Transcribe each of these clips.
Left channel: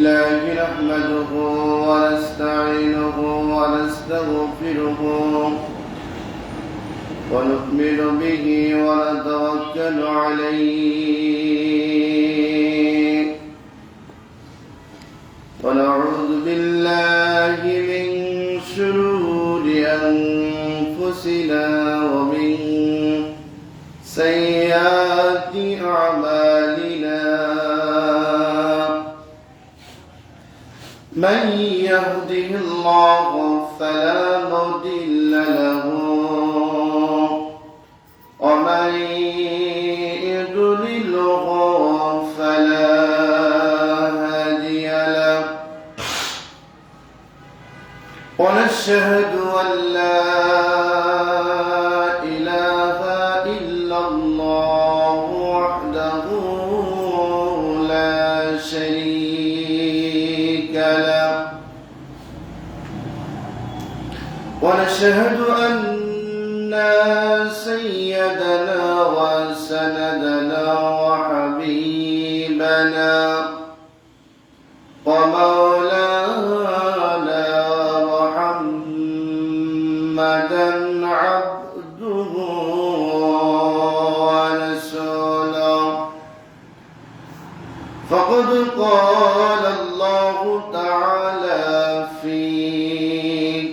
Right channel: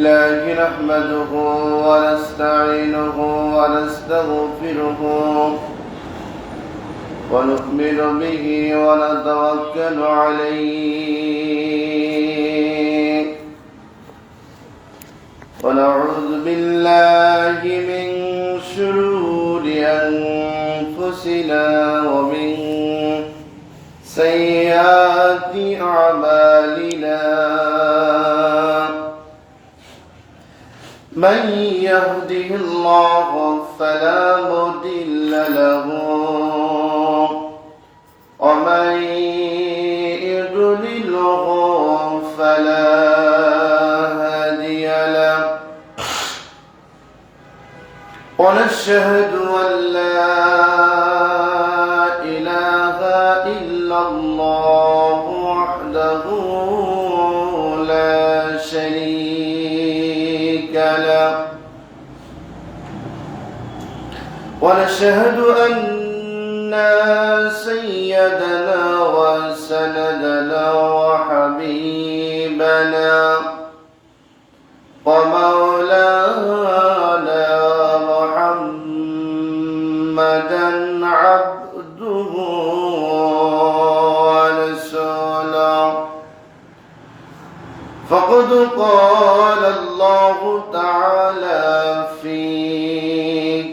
الله نحمده ونستعينه ونستغفره ونؤمن به ونتوكل عليه ونعوذ بالله من شرور أنفسنا ومن سيئات أعمالنا من يهده الله فلا مضل له ومن يضلله فلا هادي له ونشهد أن لا إله إلا الله وحده لا شريك له ونشهد أن سيدنا وسندنا وحبيبنا ومولانا محمدا عبده ورسوله فقد قال الله تعالى في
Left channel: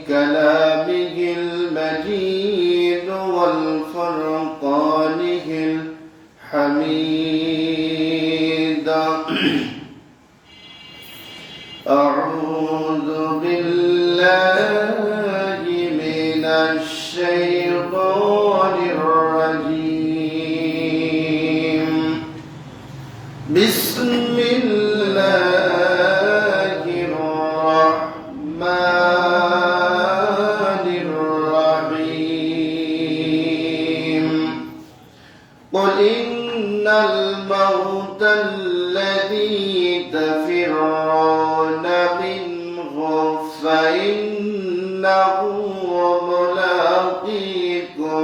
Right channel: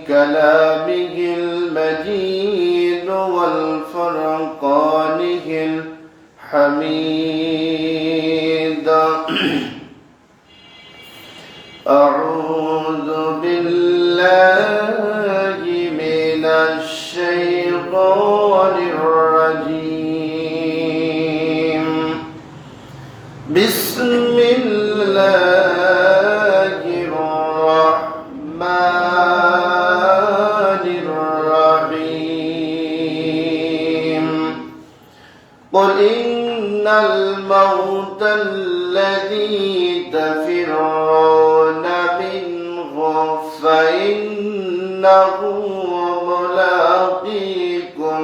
كلامه المجيد والفرقانه الحميد أعوذ بالله من الشيطان الرجيم بسم الله الرحمن الرحيم قل إن الموت الذي تفرون منه فإنه ملاقيكم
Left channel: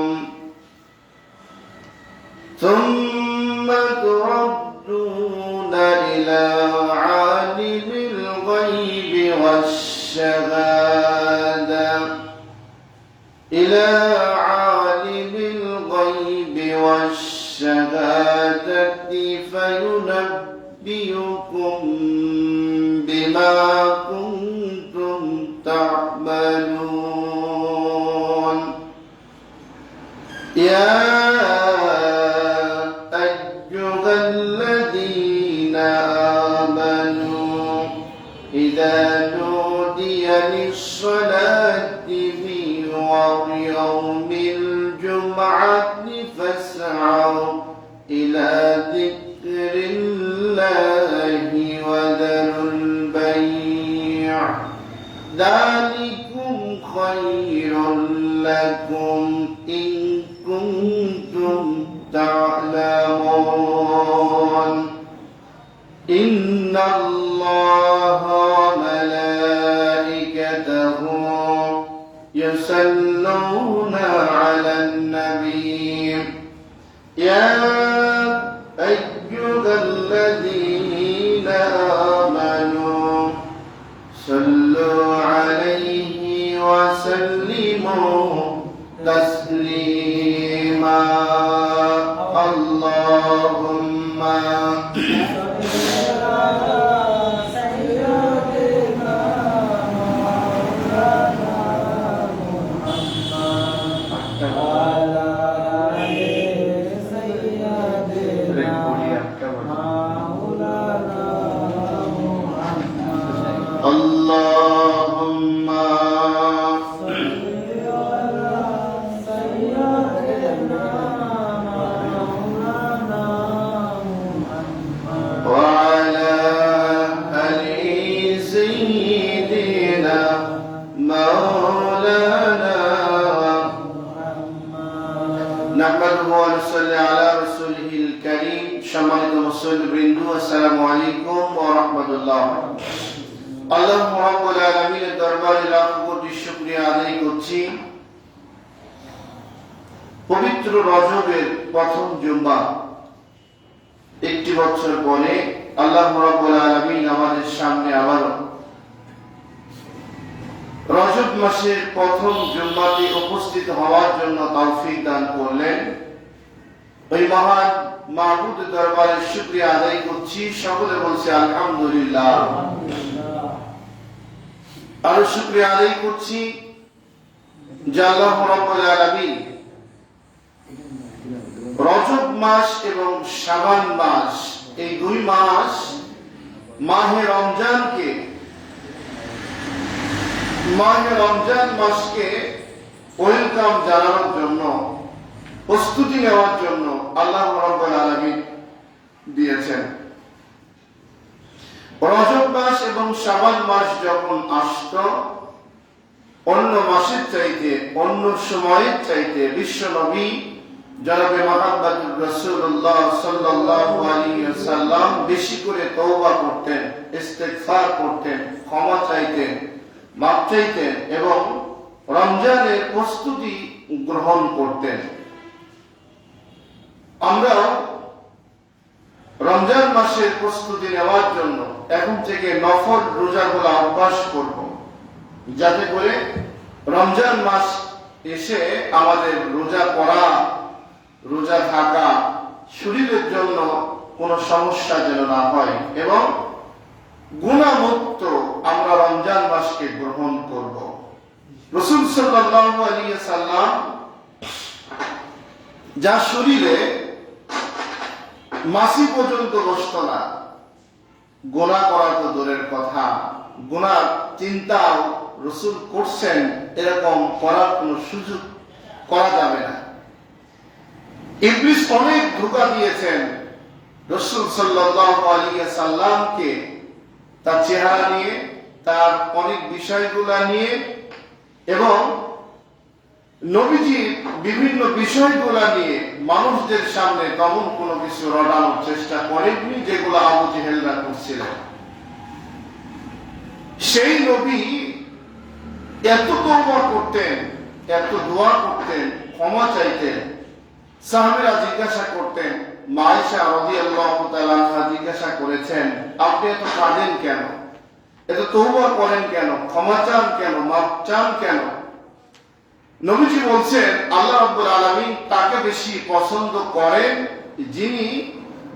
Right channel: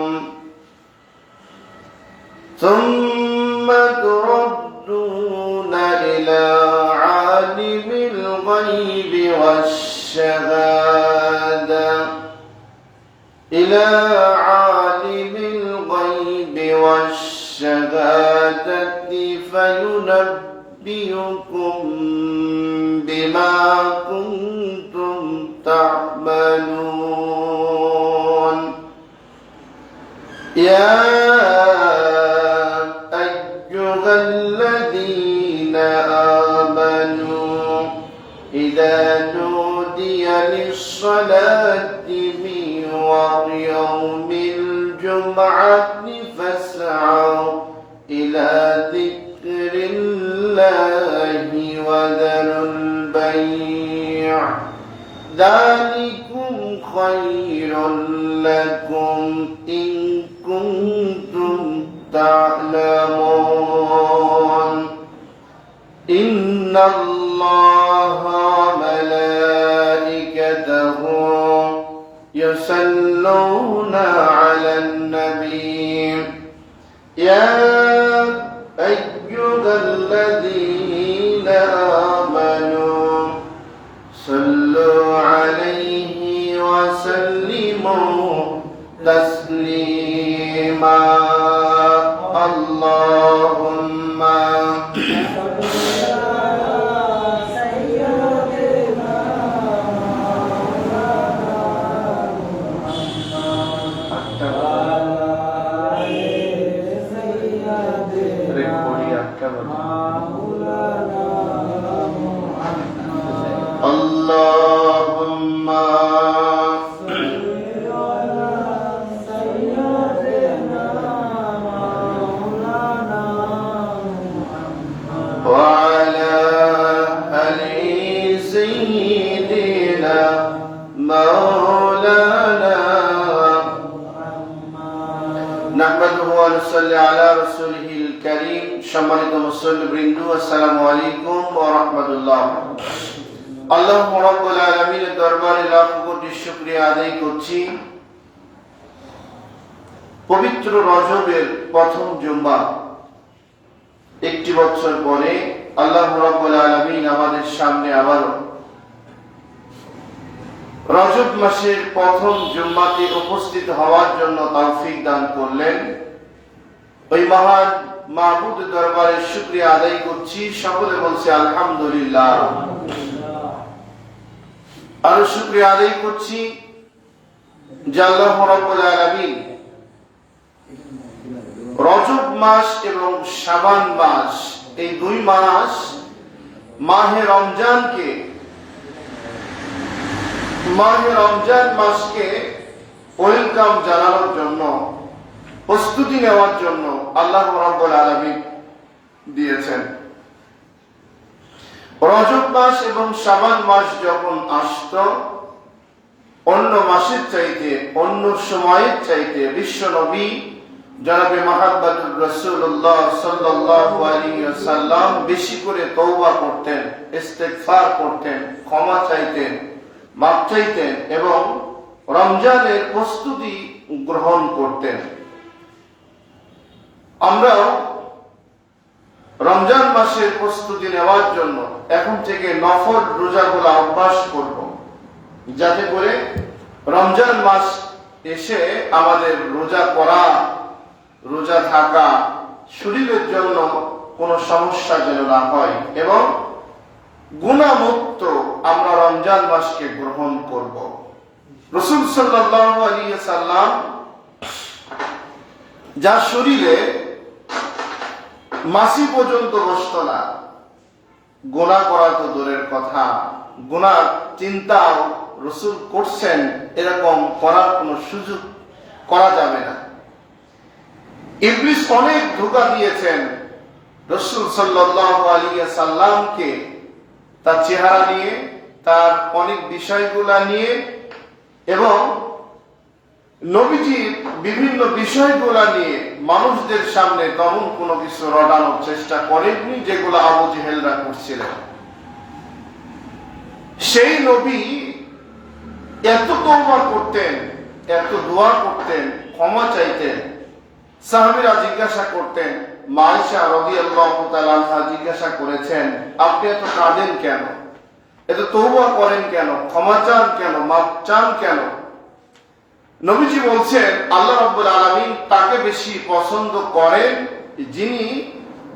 ثم تردون إلى عالم الغيب والشهادة فينبئكم بما كنتم تعملون يا أيها الذين آمنوا إذا نودي للصلاة من يوم الجمعة فاسعوا إلى ذكر الله وذروا البيع ذلكم خير لكم إن كنتم تعلمون إن الله وملائكته يصلون على النبي يا أيها الذين آمنوا صلوا عليه وسلموا تسليما اللهم اللهم صل على سيدنا مولانا محمد وعلى آل سيدنا مولانا محمد نحمده ونصلي على رسوله الكريم সম্মানিত মুসল্লিবৃন্দ আসসালামু আলাইকুম ওয়া রাহমাতুল্লাহ আল্লাহ রাব্বুল আলামিনের দরবারে লাখ কোটি শুকরিয়া আদায় করছি পবিত্র রজবের প্রথম জুমা একটি বছর পরে আল্লাহ রাব্বুল আলামিন আমাদের সামনে আবারও রজব মাসের প্রথম জুম্মাতে উপস্থিত হওয়ার জন্য তৌফিক দান করলেন। ওই মহান মাবুদ দরবারে শুকরিয়া আদায় করছি, সকলে বলছি আলহামদুলিল্লাহ। আর শুকরিয়া আদায় করছি যে আল্লাহ রাব্বুল আলামিন রজব মাস এবং শাবান মাস, এই দুই মাস মাহে রমজান মাসকে ওয়েলকাম জানানোর জন্য, প্রস্তুতি নেওয়ার জন্য আল্লাহ রাব্বুল আলামিন দিয়েছেন। রজব মাস এবং শাবান মাস যখন আসতো, অন্য মাসের চাইতে, অন্য সময়ের চাইতে বিশ্ব নবী জনাবে মুহাম্মদুর রাসূলুল্লাহ সাল্লাল্লাহু আলাইহি ওয়াসাল্লাম বেশি করে তওবা করতেন, ইস্তিগফার করতেন, ক্ষমা চাইতেন, মাফ চাইতেন এবং রমজানের প্রস্তুতি গ্রহণ করতেন। আমরাও রমজান মাসের প্রস্তুতি নেওয়ার জন্য এখন থেকে নফল রোজাগুলো অভ্যাস করব, যাতে করে রমজান মাস এসে আমাদের রোজা করা, রোজা থাকা শরীরের জন্য কোনো সমস্যা যেন না হয় এবং গুনাহমুক্ত আমরা রমজান মাসকে গ্রহণ করব। রাসূল সাল্লাল্লাহু আলাইহি ওয়াসাল্লাম যার শরীরে মাসি পর্যন্ত বসতো না, গুনাহ করা তো দূরের কথা, গুনাহ চিন্তাও রাসূল করছেন, এরকম করার কোনো সুযোগ করা যাবে না। ইবলিস অনেক ধোঁকা দিয়েছেন রাসূল সাল্লাল্লাহু আলাইহি ওয়াসাল্লামকে, তার চেহারা নিয়ে, তার অনেক বিষয়গুলা নিয়ে এবং নবীজির বিভিন্ন বিষয়গুলা নিয়ে মানুষদের সামনে তেমন কোনো কিছু রটানোর চেষ্টা করেননি, যেগুলো আবু জেহেলরা করছিলেন। সেই নবী এত তওবা করতেন, এত দোয়া করতেন, ক্ষমা চাইতেন। সাহাবীরা জিজ্ঞাসা করতেন, মা আয়েশা রাদিয়াল্লাহু তাআলা আনহা জিজ্ঞাসা করেছেন, আপনি এত কাঁদেন কেন, এত তওবা করেন কেন, ক্ষমা চান কেন, মাফ চান কেন? নবীজি বলছেন, আল্লাহ রাব্বুল আলামিন তাকে বেশি পছন্দ করেন যিনি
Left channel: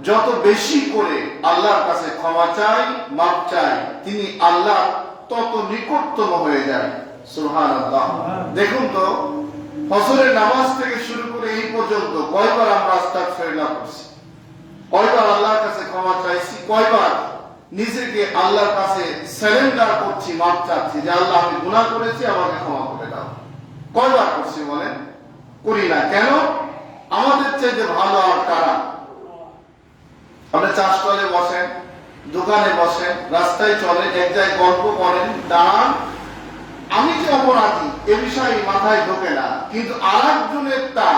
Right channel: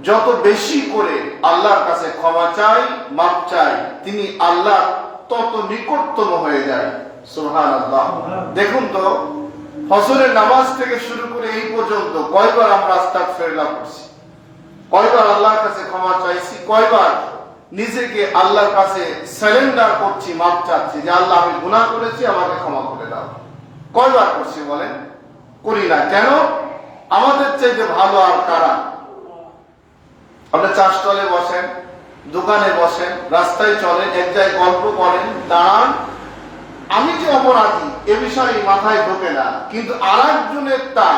যত বেশি করে আল্লাহর কাছে ক্ষমা চায়, মাফ চায়, তিনি আল্লাহ তত নিকটতম হয়ে যায়। সুবহানাল্লাহ। দেখুন তো, ফজরের নামাজ থেকে শুরু করে এই পর্যন্ত কয়বার আমরা আস্তাগফিরুল্লাহ করছি, কয়বার আল্লাহর কাছে ক্ষমা চাইছি, কয়বার নিজেকে আল্লাহর কাছে সারেন্ডার করছি, মাফ চাচ্ছি যে আল্লাহ আমি গুনাহ করেছি, আমাকে ক্ষমা করে দাও। কয়বার করছি বলেন? করি না। কেন? আমাদের চাইতে ভালো আর কারা? আপনি চাষতলে বসেন, দোকানে বসেন, রাস্তায় চলেন, এক জায়গায় গল্প করেন, দাঁড়ান, আমি যে অপরাধী এ বিষয়ে মাথায় ঢোকে না, কিন্তু আর একজনের তা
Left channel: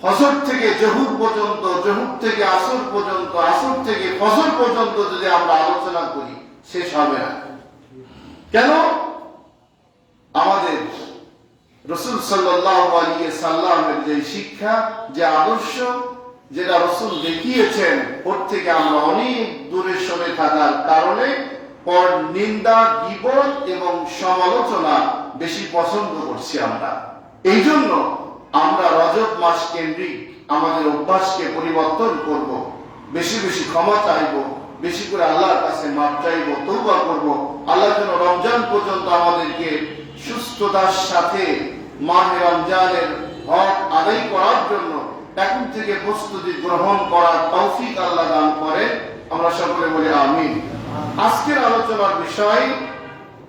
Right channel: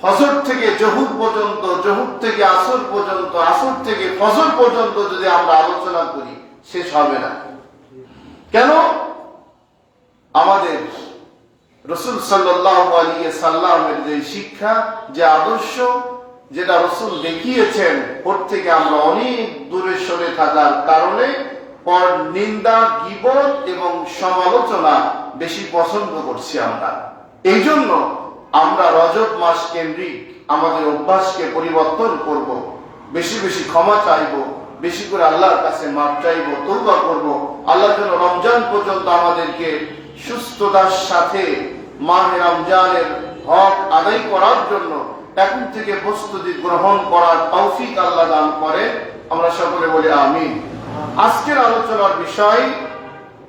ফজর থেকে জহুর পর্যন্ত, জহুর থেকে আসর পর্যন্ত, আসর থেকে ফজর পর্যন্ত যদি আমরা আলোচনা করি শেষ হবে না। কেন? আমাদের রাসূল সাল্লাল্লাহু আলাইহি সাল্লামের যে শিক্ষা, যে আদর্শ, যেটা রাসূল দেখিয়েছেন, ওর থেকে আমরা অনেক দূরে সরে থাকার কারণে পর নিন্দা, গীবত এবং সমালোচনা বেশি পছন্দ করছি আমরা। এই জন্য আমরা রজব মাস কেন্দ্রিক আমাদের অভ্যাসকে পরিবর্তন করব, বেশি বেশি ক্ষমা চাইব, বেশি করে আল্লাহর কাছে মাফ চাইব, তওবা করব। আল্লাহ যেন রমজান পর্যন্ত আমাদেরকে সুস্থতার সাথে মাহে রমজানের হক আদায় করার জন্য এখন থেকে প্রস্তুতি গ্রহণ করার তৌফিক আল্লাহ দান করে। আমরা সকলে বলি আমিন। আজকের আলোচনার বিষয়,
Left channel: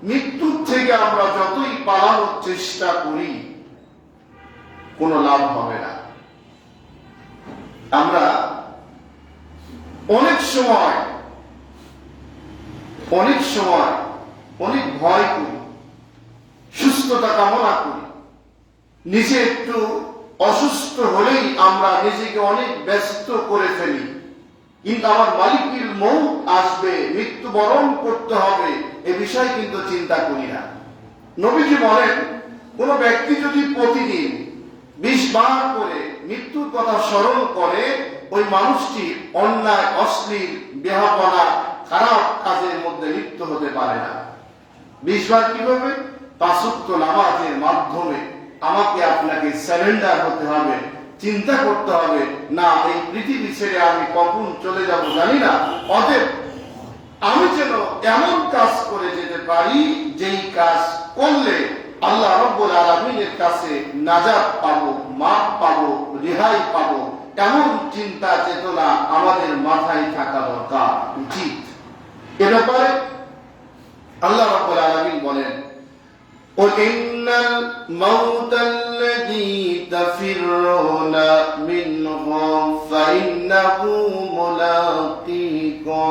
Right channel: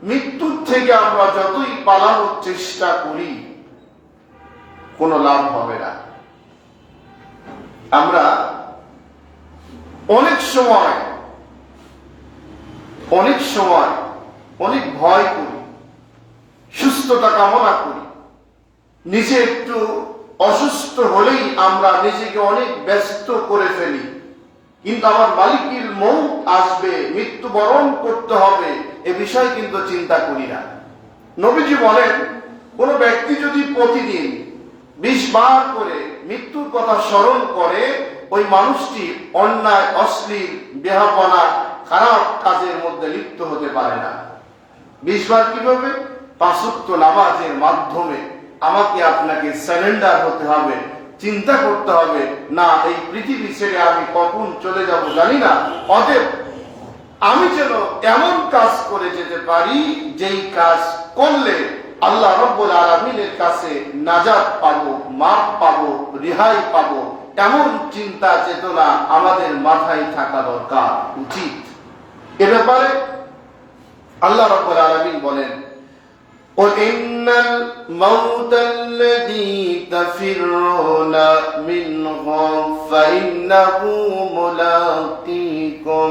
মৃত্যুর থেকে আমরা যতই পালানোর চেষ্টা করি কোনো লাভ হবে না। আমরা অনেক সময় অনেক ভয় করি, সুস্থতা কামনা করি, নিজে একটু অসুস্থ হলেই আমরা নিজেকে অনেক ব্যস্ত করে ফেলি, কিন্তু আমার মালিকের মউত আসবে, মৃত্যুবরণ করতে হবে, এ বিষয় কিন্তু চিন্তা করি না। নবীজি বলেন, কোন ব্যক্তি যদি প্রতিদিন 20 বার করে মৃত্যুর কথা স্মরণ করে, ওই মানুষটি অন্যায়, অশ্লীল, বেহাপনা, খারাপ কাজের মধ্যে লিপ্ত হতে পারে না। 20 বার কিভাবে? 5 ওয়াক্ত নামাজের মাধ্যমে আমাকে আপনাকে সারেন্ডার হতে হবে, চিন্তা করতে হবে, না এই পৃথিবী ছেড়ে আমি কখন চলে যাব জানি না, অতএব আমি যেন এমন কাজ করে যেতে পারি যেই কাজ করলে আল্লাহ রাব্বুল আলামিনের কাছে নাজাত পাবো, মাফ পাবো, রেহাই পাবো, এমন চিন্তা চেতনা আমাদের মাথায় থাকা দরকার, উচিত। এ ব্যাপারে আল্লাহ রাব্বুল আলামিন বলেন, قل إن الموت الذي تفرون منه فإنه ملاقيكم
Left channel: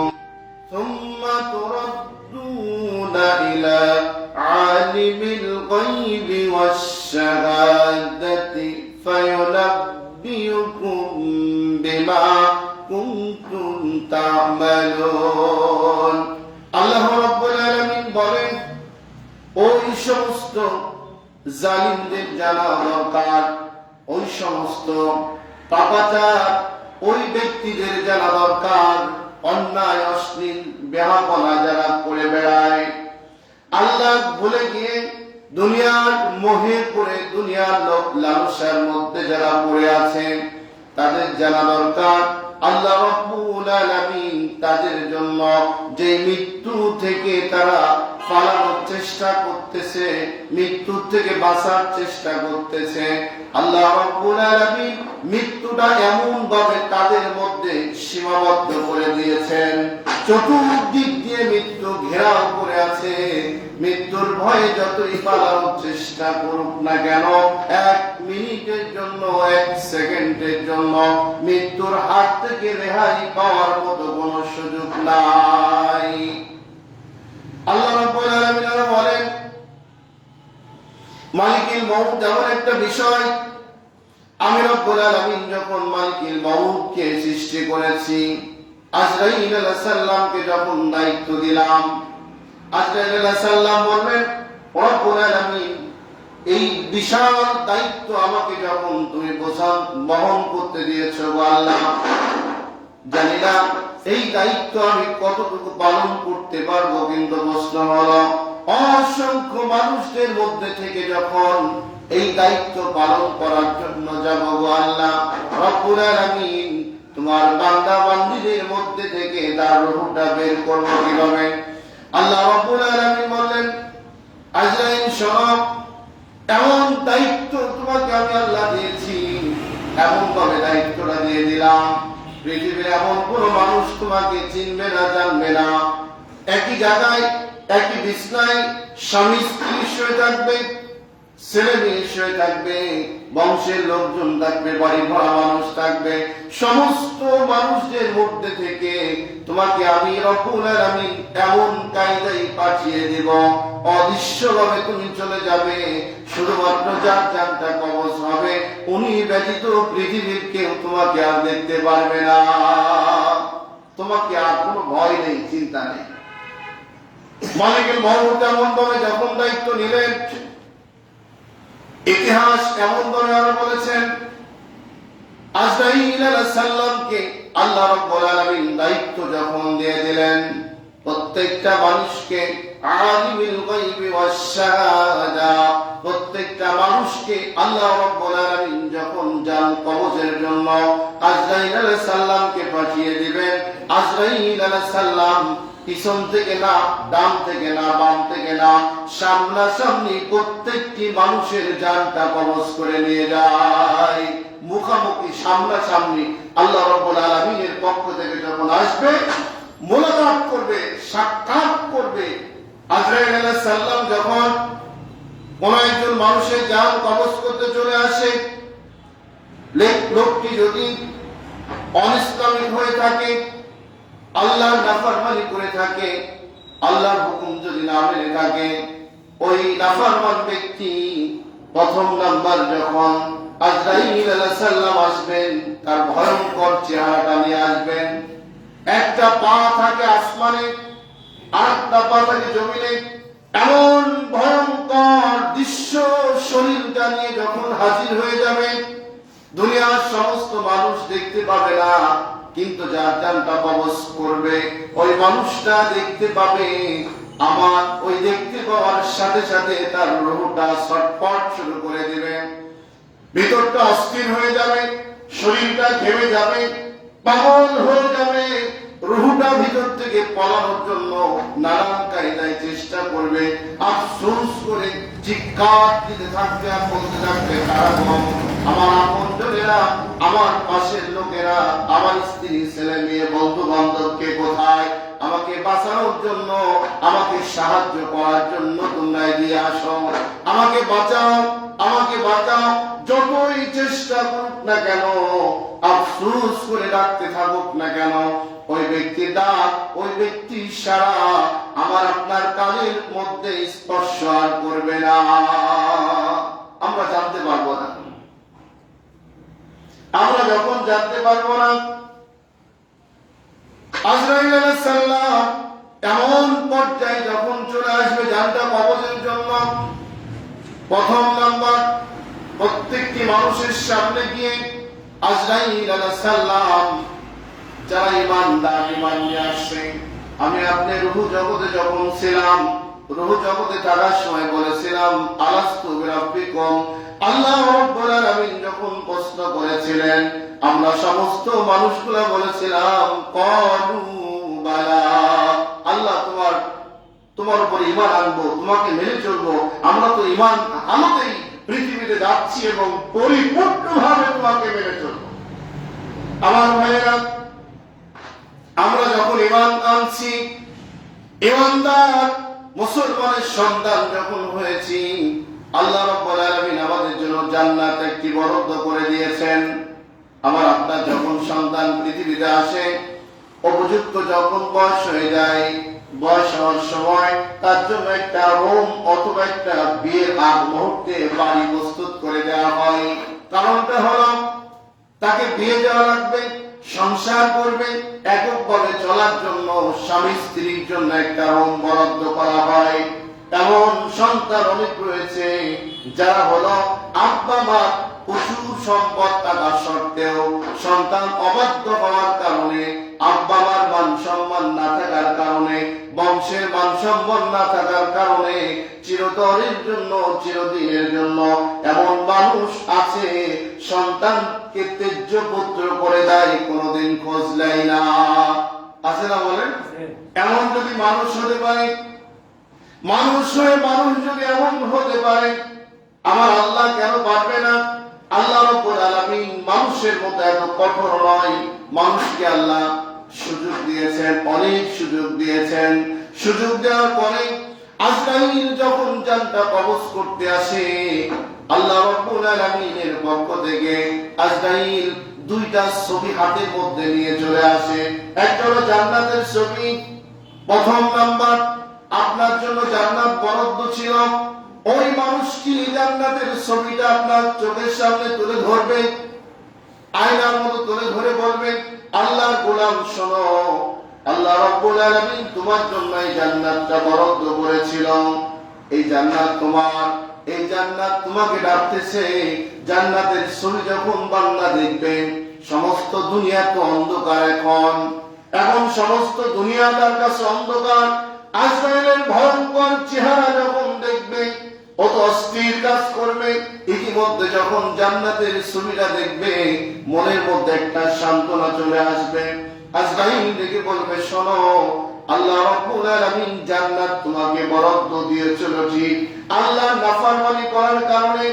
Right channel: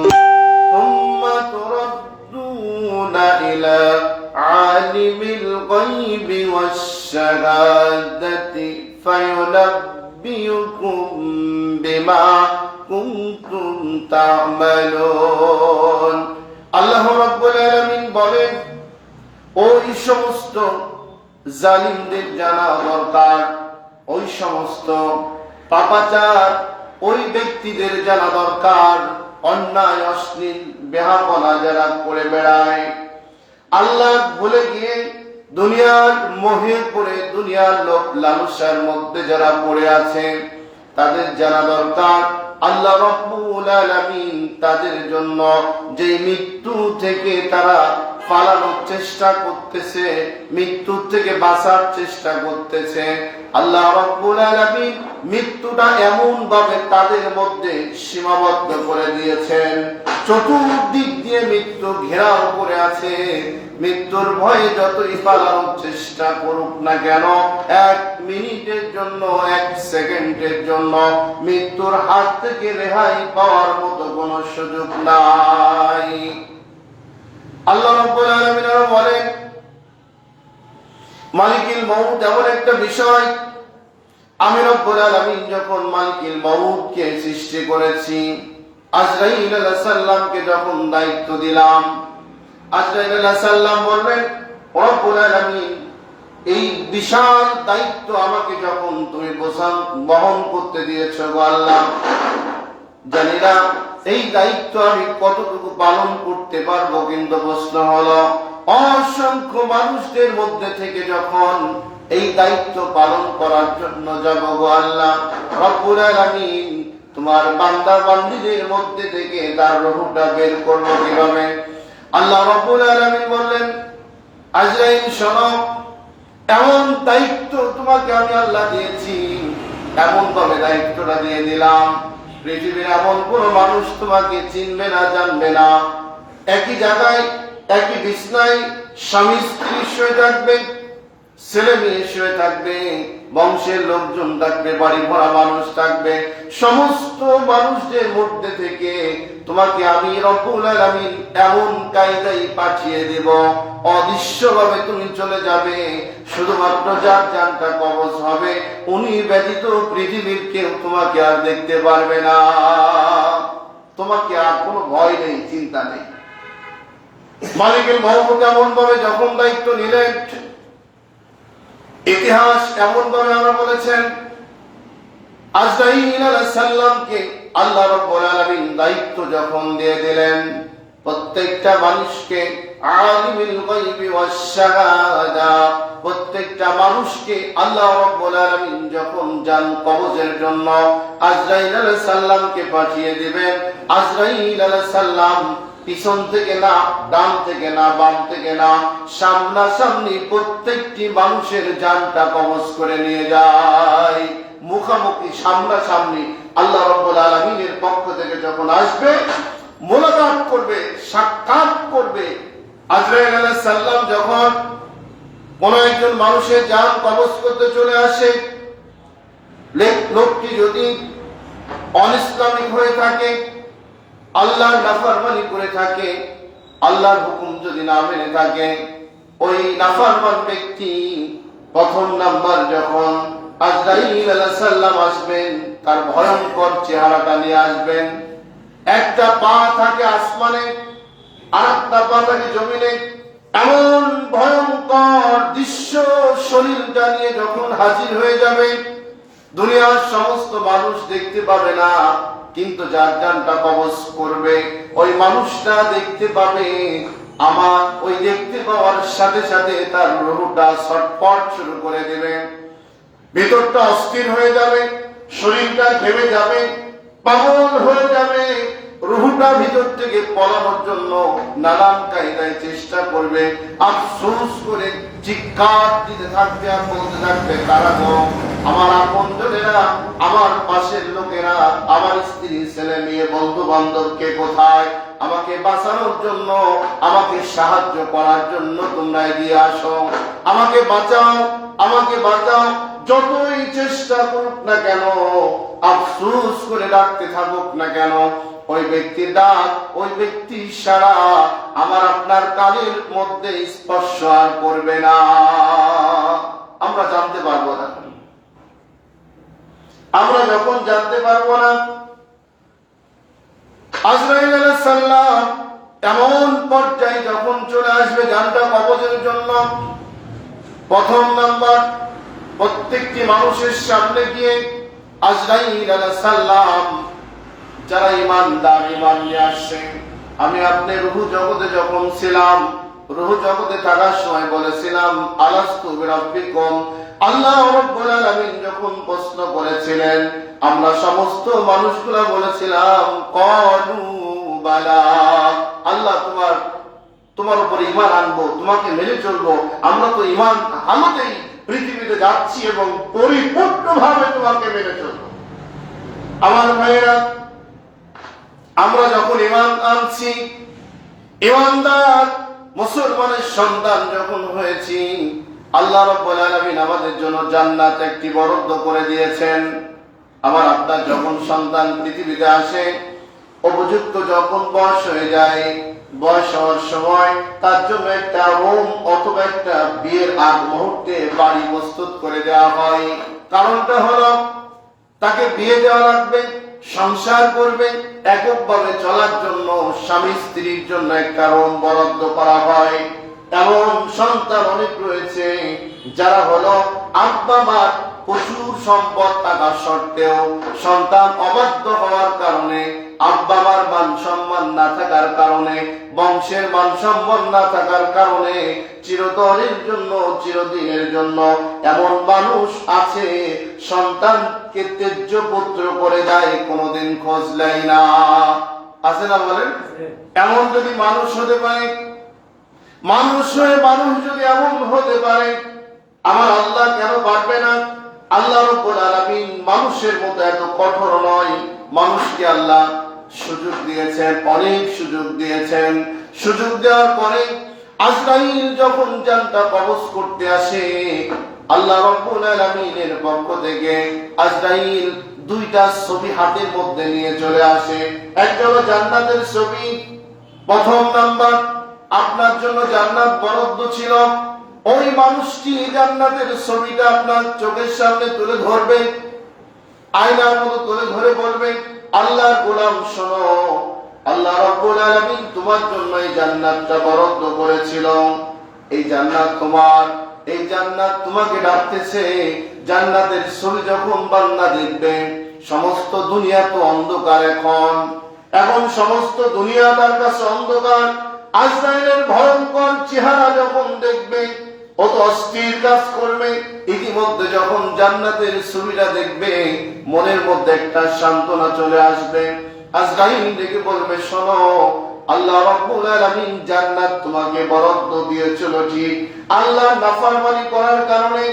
ثم تردون إلى عالم الغيب والشهادة فينبئكم بما كنتم تعملون। আল্লাহ রাব্বুল আলামিন বলেন, ওই সমস্ত জালিমদের জানা দরকার, ওই সমস্ত পাপাচার ওই ব্যক্তিদের জানা দরকার, অন্যায়, অশ্লীল, বেহাপনা যারা করে বেড়ায়, আল্লাহ ভুলে গিয়ে দুনিয়ার মোহে পড়ে, দুনিয়ার লোভ লালসার মধ্যে যারা পড়ে আছেন, তাদের জানা দরকার আল্লাহ রাব্বুল আলামিন তাদের জন্য যে মৃত্যু থেকে তারা পালানোর চেষ্টা করতেছে, মৃত্যু থেকে বাঁচার চেষ্টা করতেছে, আল্লাহ রাব্বুল আলামিন মৃত্যুটা এমন ভাবে তাদের মধ্যে সীমাবদ্ধ করে দিয়েছেন, চতুর্দিক দিয়ে মৃত্যু ঘেরাও করে আছে। মৃত্যুর ভয়ে যতই পালানোর চেষ্টা করুক না কেন, 1 মিনিটের জন্য, 1 সেকেন্ডের জন্য মৃত্যুর হাত থেকে রেহাই পাওয়ার মতো কোনো সুযোগ নাই। আল্লাহ রাব্বুল আলামিন আরো বলেন, মালিকুল মউত এমন একটা বিষয়, আমি রব্বুল আলামিন যখন মালিকুল মউতকে সৃষ্টি করেছি, আজরাইল আলাইহিস সালামকে যখন দায়িত্ব দিলাম, আজরাইল আলাইহিস সালাম বললেন, রব্বুল আলামিন এই বিশাল দায়িত্ব আমাকে যখন তুমি বহন করতে দিয়েছো গো আল্লাহ, জানি না এই দায়িত্ব আমি কতটুকু পালন করতে পারবো, কিন্তু প্রশ্ন হলো অসংখ্য মানুষদের মধ্যে থেকে যখন এই দায়িত্ব পালন করার জন্য যাব গো আল্লাহ রব্বুল আলামিন, তোমার বান্দা বান্দীদের মধ্যে থেকে তার রূহটা বের করবো কিভাবে? আল্লাহ রব্বুল আলামিন বললেন, আজরাইল শোনো, এমন দায়িত্ব তোমাকে আমি আল্লাহ দিয়েছি, এমন ভাবে দায়িত্বটা দিয়ে দিলাম, পৃথিবীর এমন কোন মানুষ তোমাকে চিনবে না, জানবে না। একই জায়গায়, একই বিছনায় স্বামী স্ত্রী শুয়ে থাকবে, ছেলে মেয়ে শুয়ে থাকবে, বংশের লোকজন থাকবে, বাড়ি ভরা মানুষ থাকবে, সমস্ত মানুষদের মধ্যে থেকে তোমাকে আমি রব্বুল আলামিন এমন কায়দায় পাঠিয়ে দেব, অদৃশ্যভাবে তুমি চলে যাবে, শুধুমাত্র যার জানটা কবজ হবে উনি ব্যতীত পৃথিবীর কেউ তোমাকে আর দেখতে পারবে না, তোমাকে আর কোনো ভয় নেই, চিন্তা নেই। মালিকুল মউত এমন ভাবে যখন দায়িত্ব নিলেন, ইতিহাস এমন ভাবে আমরা বলেছেন, আজরাইল আলাইহিস সালামকে আল্লাহ রাব্বুল আলামিন দায়িত্ব যখন দিয়ে দিলেন, প্রত্যেকটা মানুষকে আলিমুল গায়বি ওয়াস শাহাদা, প্রত্যেকটা মানুষকে আল্লাহ রাব্বুল আলামিন যখন জান কবজের জন্য আজরাইল আলাইহিস সালামকে পাঠিয়ে দিবেন, আজরাইল আলাইহিস সালাম পিছন থেকে না, ডান থেকে না, বাম থেকে না, সামনাসামনি প্রত্যেকটি মানুষের জানটা কবজ করে নিয়ে যায়। মুখামুখি, সামনাসামনি আল্লাহ রাব্বুল আলামিনের পক্ষ থেকে যখন আসবে, মোলাকাত করবে, সাক্ষাৎ করবে, আজরাইল আলাইহিস সালাম যখন কোন একজন মানুষের জান কবজ করতে চলে আসে, লোকটি যদি অনিসলামিক হয়ে থাকে, আল্লাহর নাফরমানি করে থাকে, আল্লাহর হুকুম যদি না মেনে থাকে, ওই নাফরমান ব্যক্তি প্রথম নাম্বার যখন আজরাইল আলাইহিস সালাম আসবেন, তার ভয়ঙ্কর চেহারাটা নিয়ে আসবেন। একটা পা থাকে আসমানে, আরেকটা পা থাকে জমিনে, এমন ভয়ঙ্কর দৃশ্য শরীরটা নিয়ে যখন হাজির হয়ে যাবে, দুনিয়ার সমস্ত মানুষ দেখতে পাবে না, কিন্তু যার জানটা কবজ করবে ওই মানুষটা দেখতে পাবে। আমার ওই দেখতে পাওয়ার সাথে সাথে তার রূহটা ছটফট শুরু করে দেবে, ভিতরটা অস্থির হয়ে যাবে, শরীরটা ঘেমে যাবে, পাগল হয়ে যাবে। রুহুটা ভিতর থেকে পলানোর জন্য নানান কায়দায় চেষ্টা করবে, আফসোস করে চিৎকার দিতে থাকবে আর বলতে থাকবে, তারা আমার আপনজনেরা, আমার পাশের লোকেরা, আমার স্ত্রী, ছেলে মেয়ে, বন্ধু বান্ধব কে কোথায়? আমাকে বাঁচানোর জন্য, আমাকে সাহায্য করার জন্য তোমরা এগিয়ে আসো, আমাকে বাঁচাও, আমাকে বাঁচাও। যতই চেষ্টা করুক না কেন, আফসোস করে ডাকতে থাকুক না কেন, ওই ব্যক্তির ডাক, ওই ব্যক্তির সারা আমার আপনার কানের মধ্যে স্পর্শ আর করবে না। আমরা জানতে পারবো না। আমরা যখন জানতে পারবো না, আজরাইল আলাইহিস সালাম এমন পর্যায়ে যখন চলে আসবে জানটা কবজের জন্য, প্রথম নাম্বার প্রত্যেকটি মানুষের সামনে গিয়ে আজরাইল আলাইহিস সালাম, যারা ইমানদার, ইমান নিয়ে আসছে, আমি আপনি রূহ জগতে যখন ছিলাম, রূহ জগতে থাকার সময় বলেছিলাম আলাস্তু বিরাব্বিকুম, আল্লাহ রাব্বুল আলামিন যখন প্রশ্ন করেছিলেন, আমরা সমস্ত মানুষগুলো বলেছিলাম ক্বালু বালা, আল্লাহ তোমার উপর ঈমান আনবো, তোমাকে মেনে চলবো, আমরা তো ঈমান হালতেই পৃথিবীতে যাচ্ছি এবং পরিপূর্ণভাবে তোমাকে মেনে চলবো। আমার ভাইয়েরা, আমরা যখন ঈমান আনছি, ঈমানদার মুসলমানের সন্তান যখন হয়েছি, আল্লাহ রাব্বুল আলামিন আমাদের জন্য জান্নাত একটি বরাদ্দ করে দিয়েছেন। আমার আপনার যখন সন্তান পৃথিবীতে আসে, উপযুক্ত যখন বয়স হয়ে যায়, বয়স হওয়ার সময় তার জন্য একটা রুম অথবা একটা বিয়ের আগ মুহূর্তে বাড়ি প্রস্তুত করে দেওয়া হয়। কারণটা হলো তাকে বিয়ে দেওয়া লাগবে, সংসার করবে, এককভাবে চলার জন্য স্বামী স্ত্রীর জন্য একটা রুম বরাদ্দ করা হয়। এমন সন্তান অনেক রয়েছে যারা হলো আব্বা মার প্রচুর সম্পদ থাকা সত্ত্বেও সন্তান অবাধ্য হওয়ার কারণে, আব্বা মার মান সম্মান না থাকার কারণে, বংশের মান সম্মান না থাকার কারণে চিরতরের জন্য, চিরদিনের জন্য এমন মানুষ আছে সন্তানকে ত্যায্য পুত্র করে দেয়, কোনোদিন খোঁজ নেয় না। আছে না বলেন? এমন যদি মানুষ হতে পারে, মানুষ হয়ে মানুষ যদি এমন হতে পারে, আমার আল্লাহ কেন পারবে না? আল্লাহ রাব্বুল আলামিন মানুষের মতো এত কঠোর নয়। মানুষকে আল্লাহ সুযোগ দিয়েছেন, অনেক সুযোগ দিয়েছেন। সুযোগ দেওয়ার পরে আজরাইল যখন জানটা কবজ করতে আসে, আল্লাহ রাব্বুল আলামিনের পক্ষ থেকে আজরাইল দুইটা ছবি হাতের মধ্যে নিয়ে চলে আসে। একটা হলো জান্নাতের ছবি। প্রথম নাম্বার, আপনার জন্য জান্নাত বরাদ্দ ছিল, ওই মানুষটি জান্নাতের ছবিটা আপনার চোখের সামনে তুলে ধরবে, আয়নার মতো তুলে ধরে বলবে, আল্লাহর গোলাম শোনো, আল্লাহ রাব্বুল আলামিন তোমার জন্য এই জান্নাতটা বরাদ্দ করেছিল, এই জান্নাত তোমার, এই জান্নাত তোমাকে ডাকতেছে। জান্নাতের ছবি যখন বান্দা দেখবে, সমস্ত দুনিয়া তো অন্ধকার, এখন সমস্ত দুনিয়া তার কাছে অন্ধকার। আজরাইলের ভয়ঙ্কর চেহারা যখন দেখবে, অত অস্থির কাজ করবে। ইতিমধ্যে যখন জান্নাতের ছবিটা দেখবে, মনের মধ্যে একটা সান্ত্বনা চলে আসবে। আজরাইল ডেকে বলবে, শোনো, আল্লাহ রাব্বুল আলামিন জান্নাত তোমাকে বরাদ্দ দিয়েছিল ঠিক, আল্লাহর নাফরমানি করার কারণে,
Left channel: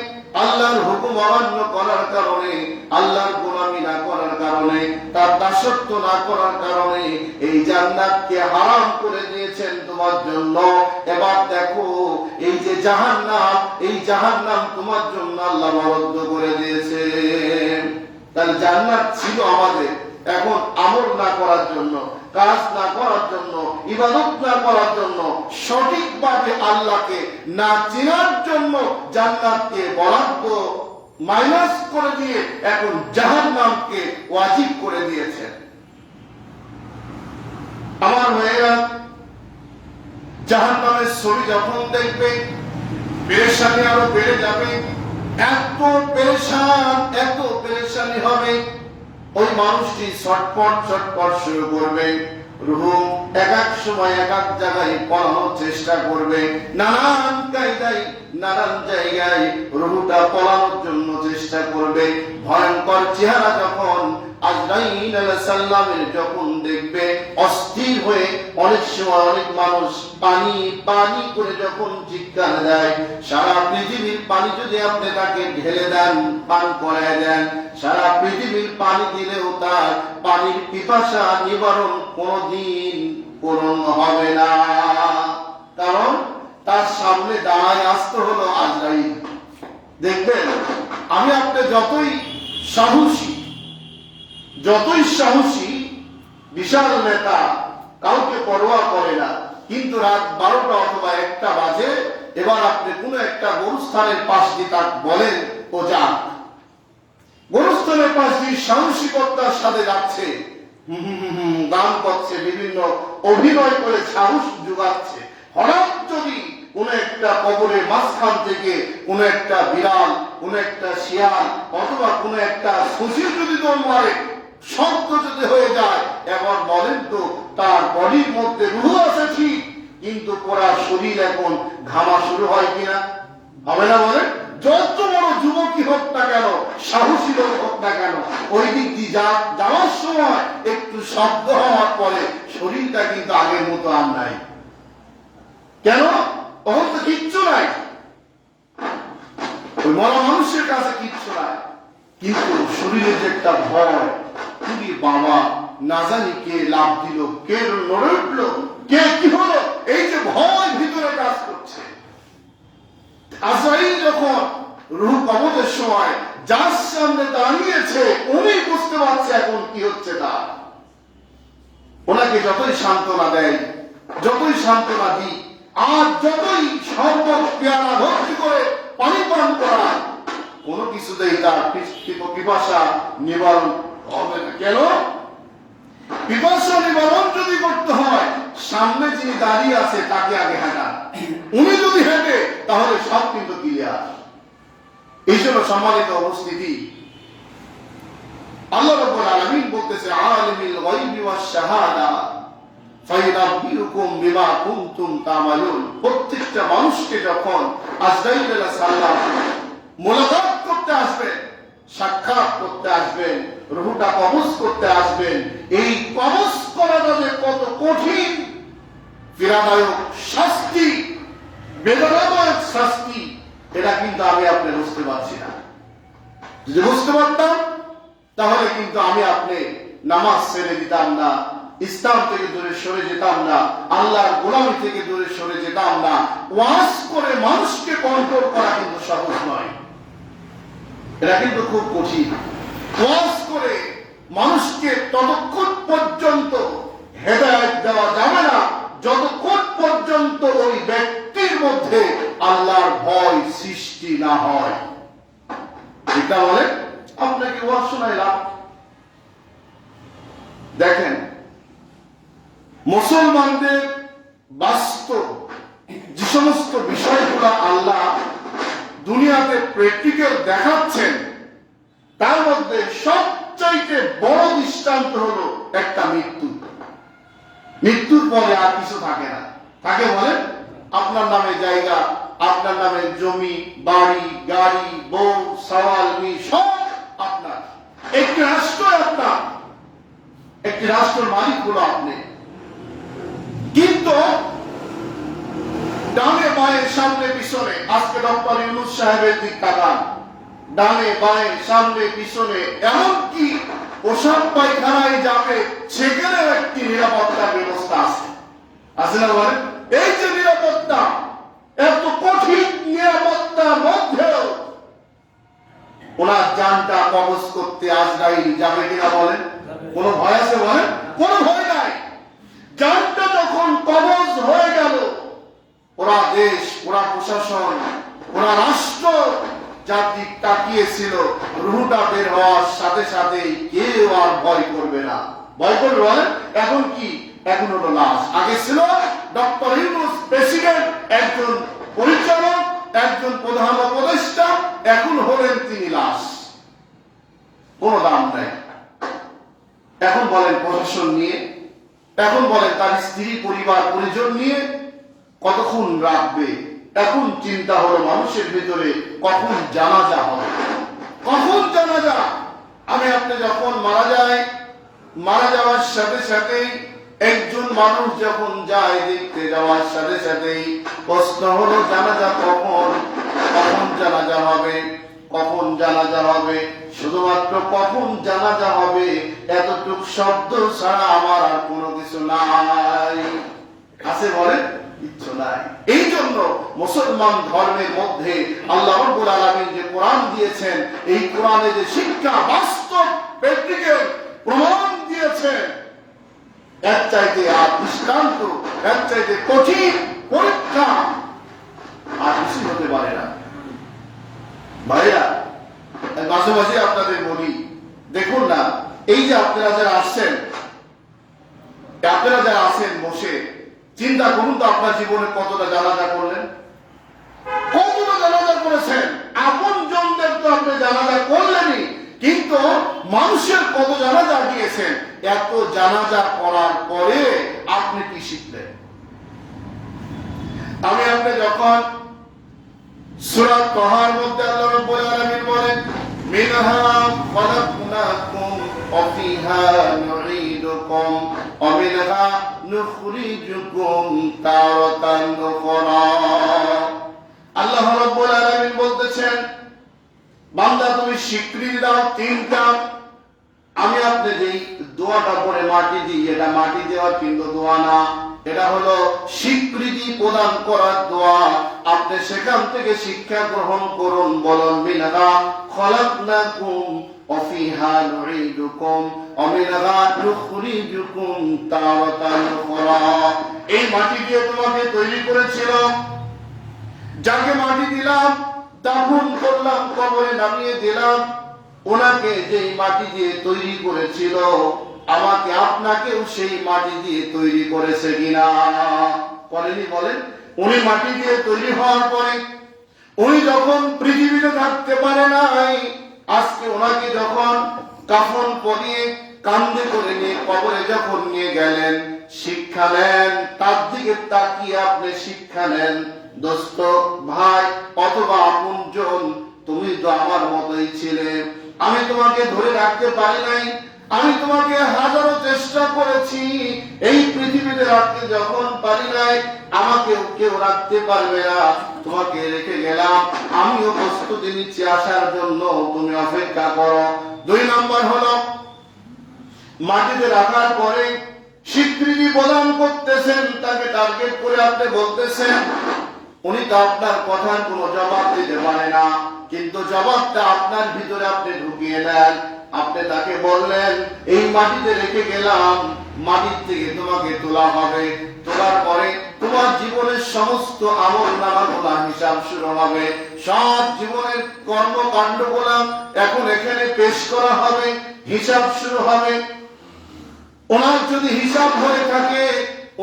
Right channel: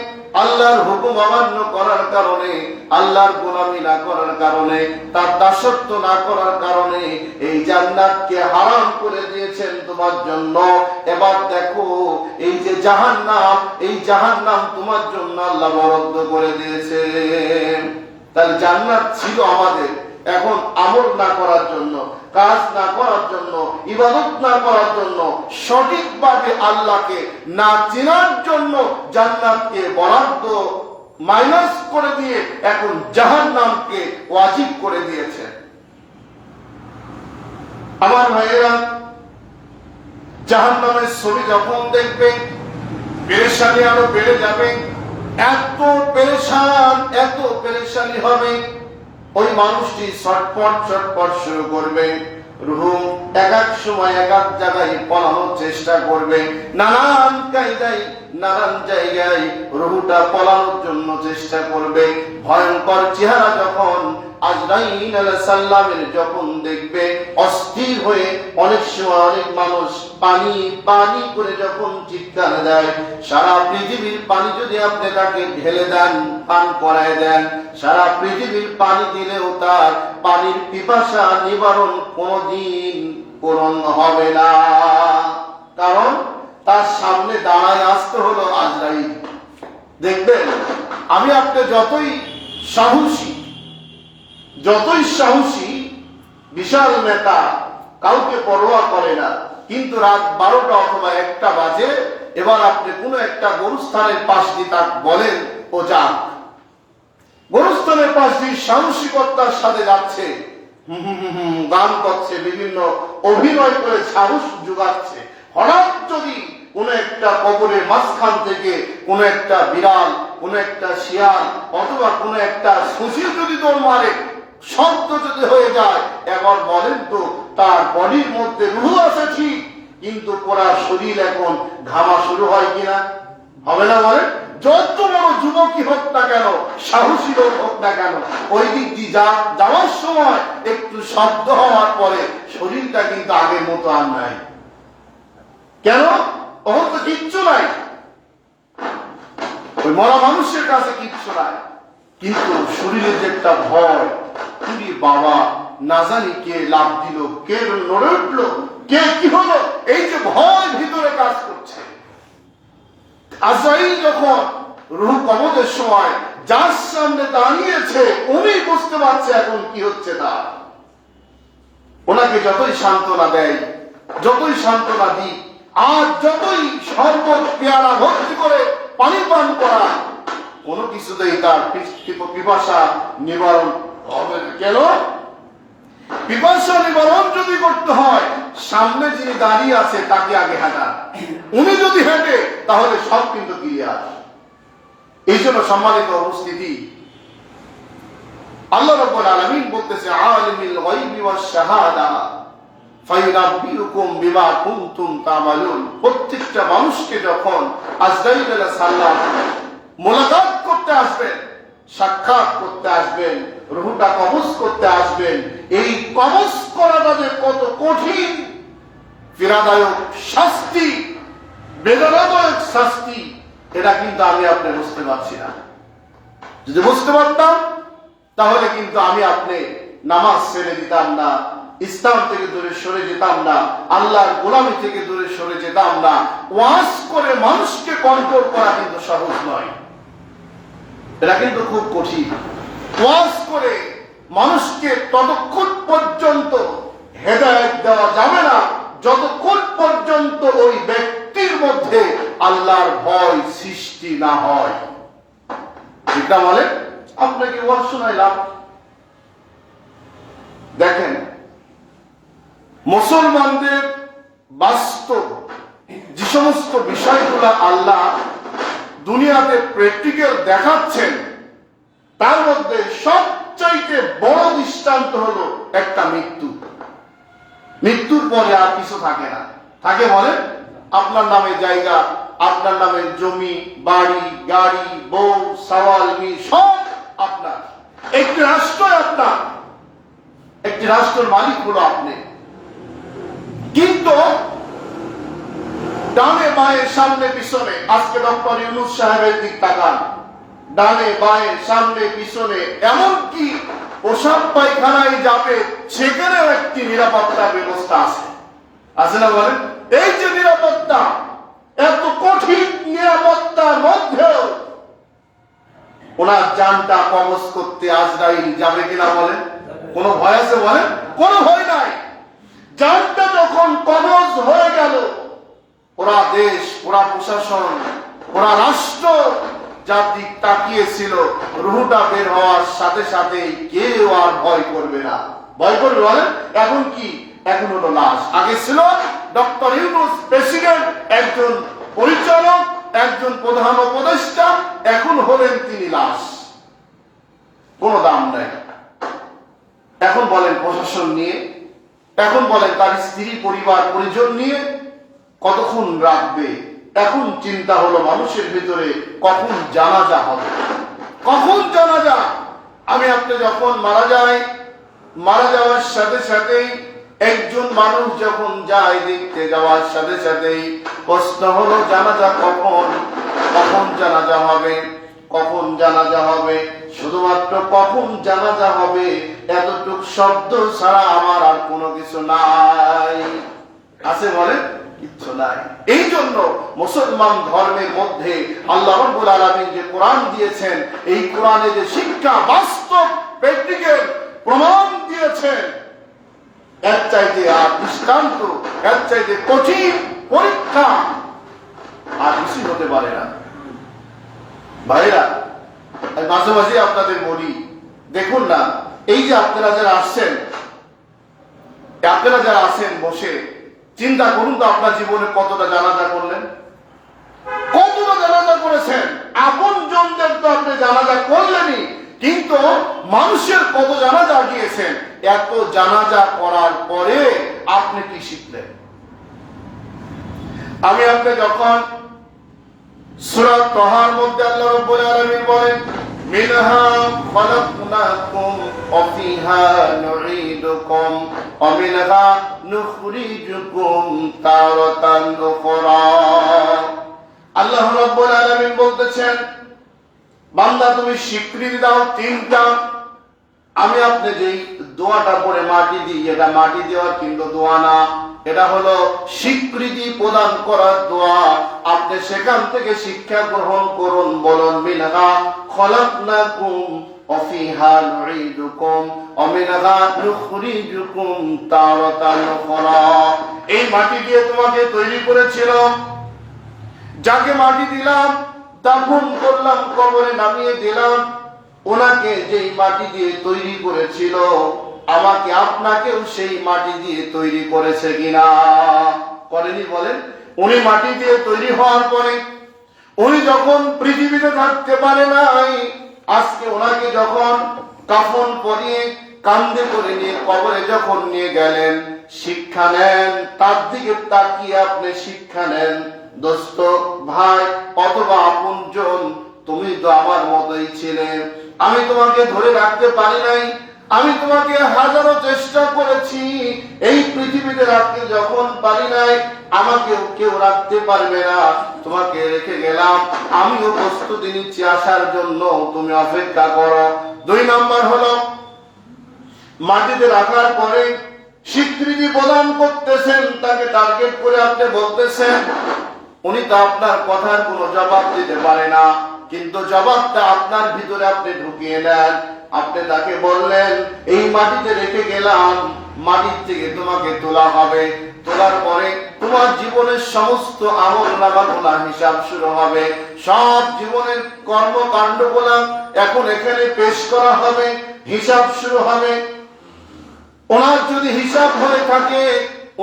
আল্লাহর হুকুম অমান্য করার কারণে, আল্লাহর গোলামি না করার কারণে, তার দাসত্ব না করার কারণে এই জান্নাতকে হারাম করে দিয়েছেন তোমার জন্য। এবার দেখো, এই যে জাহান্নাম, এই জাহান্নাম তোমার জন্য আল্লাহ বরাদ্দ করে দিয়েছেন। তার জান্নাত ছিল আমাদের, এখন আমল না করার জন্য, কাজ না করার জন্য, ইবাদত না করার জন্য, সঠিকভাবে আল্লাহকে না চেনার জন্য জান্নাতকে বরাদ্দ মাইনাস করে দিয়ে এখন জাহান্নামকে ওয়াজিব করে দিয়েছেন। আমার ভাইয়েরা, জাহান্নামের ছবি যখন দেখবে পেরেশানি আরো বেড়ে যাবে। এত পেরেশানি হবে, ওই মানুষটি ছটফট শুরু করবে। রূহ এক এক সময় এক এক জায়গায় পলানোর চেষ্টা করবে, নানান কায়দায় নানান জায়গায় রূহটা পলানোর জন্য চেষ্টা করবে। ভয়ঙ্কর চেহারা যখন আজরাইল আলাইহিস সালামের যখন দেখবে, অস্থির হয়ে অনেক সময় অনেক মানুষ পানি পানি করে যখন চিৎকার দেয়, সারা পৃথিবীর পানি যদি আপনি তাকে ঢেলে দেন, পান করায় দেন, সারা পৃথিবীর পানি দিলেও তার পানির পিপাসা নিবারণ কোনদিন পূরণ হবে না। কারণ তার সামনে দাঁড়ায় আসতে হলো আজরাইল। দেখবেন, আমি আপনি যতই সাহসী বিশাল নেতা, কাউকে পরোয়া করে না, কিন্তু রাত 12টা অথবা 1টা বাজে, এবার আপনি কোন একটা গরুস্থানের পাশ দিয়ে তার বলেন ও যাক, গরুস্থানের পাশ দিয়ে সাহসিকতার সাথে যাচ্ছে, গান করছে, বিভিন্ন অভিনয় করে সাহস যোগাচ্ছে। হঠাৎ যদি কোন একটা কবরের মাঝখান থেকে কোন একটা বিড়াল, কোন একটা শিয়াল অথবা কোন একটা শশীর যদি দৌড় মারে, শব্দ যদি হয়ে যায়, এবার বলেন তো তার বডির মধ্যে রূহ আছে ঠিক, কিন্তু পুরা শরীর এখন ঘামা শুরু হয় কিনা? হবে না? বলেন, যত বড় যুবকই হোক না কেন, সাহসী লোক হোক না কেন, ওই দিক দিয়ে যাওয়ার সময় একটু শব্দ হওয়ার পরে শরীরটা কিন্তু আগের মতো আর নাই। কেন? তখন তো কিচ্ছু নাই, ওই মরা মানুষের কাছে কিচ্ছু নাই, কিন্তু শরীরের যে একটা ভয়, তুমি বাবা না জানি কে লাভ দিল, কে নড়ে উঠলো, কে কি হলো, এই যে ভয় ভিতরে কাজ করছে। আজরাইল যখন রূহ কবজের সময় যার সামনে দাঁড়িয়েছে, উনি বুঝতে পারছে এখন কি হচ্ছে তার। ওনাকে যতই সান্ত্বনা দেয়, যতই সান্ত্বনা দিই, আর যতই শরবত পেয়ারা ভর্তি করে পানি পান করা, কোনো কিছুতেই তার পিপাসা নিবারণ হবে না। কেন? পিপাসা নিবারণ যদি করতে হয়, সামনে যিনি দাঁড়িয়ে আছে তাকে আগে হাঁটান। উনি যদি হেঁটে, তাহলে সব কিন্তু ক্লিয়ার। এই জন্য সম্মানিত উপস্থিতি, আল্লাহ রাব্বুল আলামিন বলতেছে, আলিমুল গায়বি ওয়াশ শাহাদা ফায়ুনাব্বিউকুম বিমা কুনতুম তা'মালুন। প্রত্যেকটা মানুষকে যখন আজরাইল আলাইহিস সালাম মোলাকাত করতে আসবেন, সাক্ষাৎ করতে আসবেন, রূহটা কবজ করতে আসবেন, এই কবজ করাটা যে কত কঠিন, পীড়াদায়ক শাস্তি, বেদনাদায়ক শাস্তি, এটা কিন্তু আমি আপনি বুঝতে পারছি না। যদি বুঝতে পারতাম, তাহলে কিন্তু আমি আপনি নামাজ ছেড়ে দিতাম না, ইসলাম থেকে দূরে সরে যেতাম না, আল্লাহর গোলামি থেকে দূরে সরে যেতাম না। ওয়াজ করে মানুষকে কন্ট্রোল করা কিন্তু সহজ নয়, এটা কিন্তু খুব কঠিন। ওয়াজ করে মানুষকে ততক্ষণ পর্যন্ত হেদায়েত দেওয়া যাবে না, যতক্ষণ পর্যন্ত ওই ব্যক্তির মধ্যে আল্লাহর ভয় সৃষ্টি না হয়। এটা বলে আপনাকে ওয়াজ শোনাইলাম, দেখেন মুসলমানদের বাস্তব যে সমস্ত বিষয়গুলো আল্লাহ দুনিয়াতে প্র্যাকটিক্যাল দেখাচ্ছেন, তার মধ্যে সবচাইতে বড় দৃষ্টান্ত হলো একটা মৃত্যু। মৃত্যুর পরে আর কিছু থাকে না। থাকে বলেন, আপনার নামে জায়গা, আপনার নামের জমি, বাড়ি, গাড়ি, বউ, সওয়াল, সব আপনার। একটি রাষ্ট্র আপনার, একটি রাষ্ট্রের মালিক হলো আপনি। কিন্তু ডানে বাঁয়ে সামনে পিছনে, আজকে ডক্টর ইউনূস সাহেবের দিক তাকান, ডানে বাঁয়ে সামনে পিছনে, এমনকি পোশাক পায়খানায় যাবে সেখানেও একটি নিরাপত্তার ব্যবস্থা আছে, আছে না বলেন? এই যে নিরাপত্তা, এত কঠিন নিরাপত্তার মধ্যেও ওনার জানটা কবজ করতে আজরাইল যাবে কিনা বলেন? কোন ভয় আছে বলেন? কোনো ভয় নাই। জানটা যখন কবজ হয়ে গেল, ওরা দেশ, ওরা প্রশাসন, ওরা রাষ্ট্র যার দিক তাকিয়েছিল, রুহটা বের হওয়ার সাথে সাথে কেউ আর ভয় করবে না। ভয় করবে বলেন? এখন কি? এখন হলো লাশ। আগে ছিল ডক্টর ইউনূস প্রেসিডেন্ট, একজন পরিচালক, একজন প্রধান উপদেষ্টা, এখন হলেন তিনি লাশ, কোনো দাম নাই। এখন বলেন প্রশাসন নিয়ে, এখন বলেন তার স্ত্রী পরিবার পরিজন নিয়ে কতক্ষণ রাখবে। এখন চিন্তা হলো মানুষের ভিতরে কখন জানাজা হবে, কখন জানাজা। আমি আপনি যখন মারা যাই, মারা যাওয়ার সাথে সাথেই একজন মানুষ যখন যায়, দেখতে যাওয়ার সাথে সাথেই প্রশ্ন হলো জানাজা কখন, কখন জানাজা হবে, কখন জানাজা হবে, শুধুমাত্র কখন জানাজা হবে এতটুক শব্দ ছাড়া আমার আর কোনো কিছু নাই। আছে বলেন? কিচ্ছু নাই। এই জন্য মুসলমান ধর্মের মধ্যে আল্লাহ রাব্বুল আলামিন যে কোরআন দিয়েছেন, এই কোরআনে যে শিক্ষা, বাস্তব প্র্যাকটিক্যাল প্রমাণ দিয়েছেন, এর চাইতে আর দৃষ্টান্ত, এর চাইতে কঠিন পরীক্ষা আর কিছু হতে পারে না। ভাইরা, মাঝে মাঝে আপনাদের বলি, দেখুন না, এই যে আপনারা যারা আসছেন, আপনারা যারা আছেন বসে, চিন্তা করুন তো আপনার জীবনে কতটা জানাজা করলেন, কতটা জানাজা করেছেন। আপন জনদের তো আপনি জানাজা করলেনই, কিন্তু মানুষের কত জানাজা গিয়েছেন। এত জানাজা করার পরে আপনি কি শিখলেন? আমি আপনি যখন সূরা তাহার মধ্যে আল্লাহ রাব্বুল আলামিন বলেন, মিনহা খালাকনাকুম ওয়া ফিহা নুঈদুকুম ওয়া মিনহা নুখরিজুকুম তারাতান উখরা। আল্লাহ রাব্বুল আলামিন বলতেছেন, বান্দা তুমি স্বীকৃতি দাও তিনটা। আমি আপনি যেই দোয়াটা পরে মাটি দিই, এটা মাটি দেওয়ার কিন্তু দোয়া না, এটা হলো স্বীকৃতি প্রদান করার দোয়া। আপনি সেখান থেকে শিক্ষা গ্রহণ করুন। বলুন, মিনহা খলাকনাকুম ওয়া ফিহা নুঈদুকুম ওয়া মিনহা নুখরিজুকুম তারাতান উখরা। এই মাটি দিয়ে তোমাকে তৈরি করেছিলাম, যাকে মাটি দিলাম দাফন করলাম, কবরে নামিয়ে দিলাম, ওনাকে যেই মাটি দিয়ে তৈরি করেছিল, আমাকে আপনাকেও সেই মাটি দিয়ে তৈরি করেছে কিনা? করেনি? বলেন। উনি মাটি দিয়ে তৈরি হওয়ার পরে উনি যখন পৃথিবীতে থাকতে পারে নাই, আজকে ওনাকে যখন কাফন পরিয়ে কান্দে করে নিয়ে কবরে যখন নিয়ে গেলেন, শিক্ষা নেন, তার দিকে তাকিয়ে আপনি শিক্ষা নেন। দোস্ত, ভাই অথবা আপনজন, তুমি তো আমার মতোই ছিলে, আমি তোমাকে ধরে রাখতে পারি নাই, আমি তোমাকে হাজারো চেষ্টা করেছি, এই পৃথিবীতে রাখতে যখন পারি নাই, আমাকে কেউ রাখতে পারবে না, তোমাকে রেখে গেলাম, আমিও প্রস্তুতি নিচ্ছি আসার জন্য, তুমি অপেক্ষা করো। 2 নম্বর হলো, মাটিতে রাখার পরে স্বীকৃতি প্রদান করতেছেন, তাকে টার্গেট করে আপনি বলতেছেন, উনি তো আপনার কথার কোনো জবাব দিতে পারে না, কিন্তু জবাবটা আপনার ভিতরে আপনি ঢুকিয়ে নেন। আপনি তাকে বললেন, এই মাটিতে রেখে গেলাম, মাটির থেকে তোমাকে তোলা হবে, তোলার পরে তোমার জীবনের সমস্ত আমল নামাগুলা হিসাব শুরু হবে, সব জীবনের কর্মকাণ্ড গুলা এখন এখানে পেশ করা হবে, হিসাব শুরু হবে। ওনার যদি হিসাব হয়ে থাকে,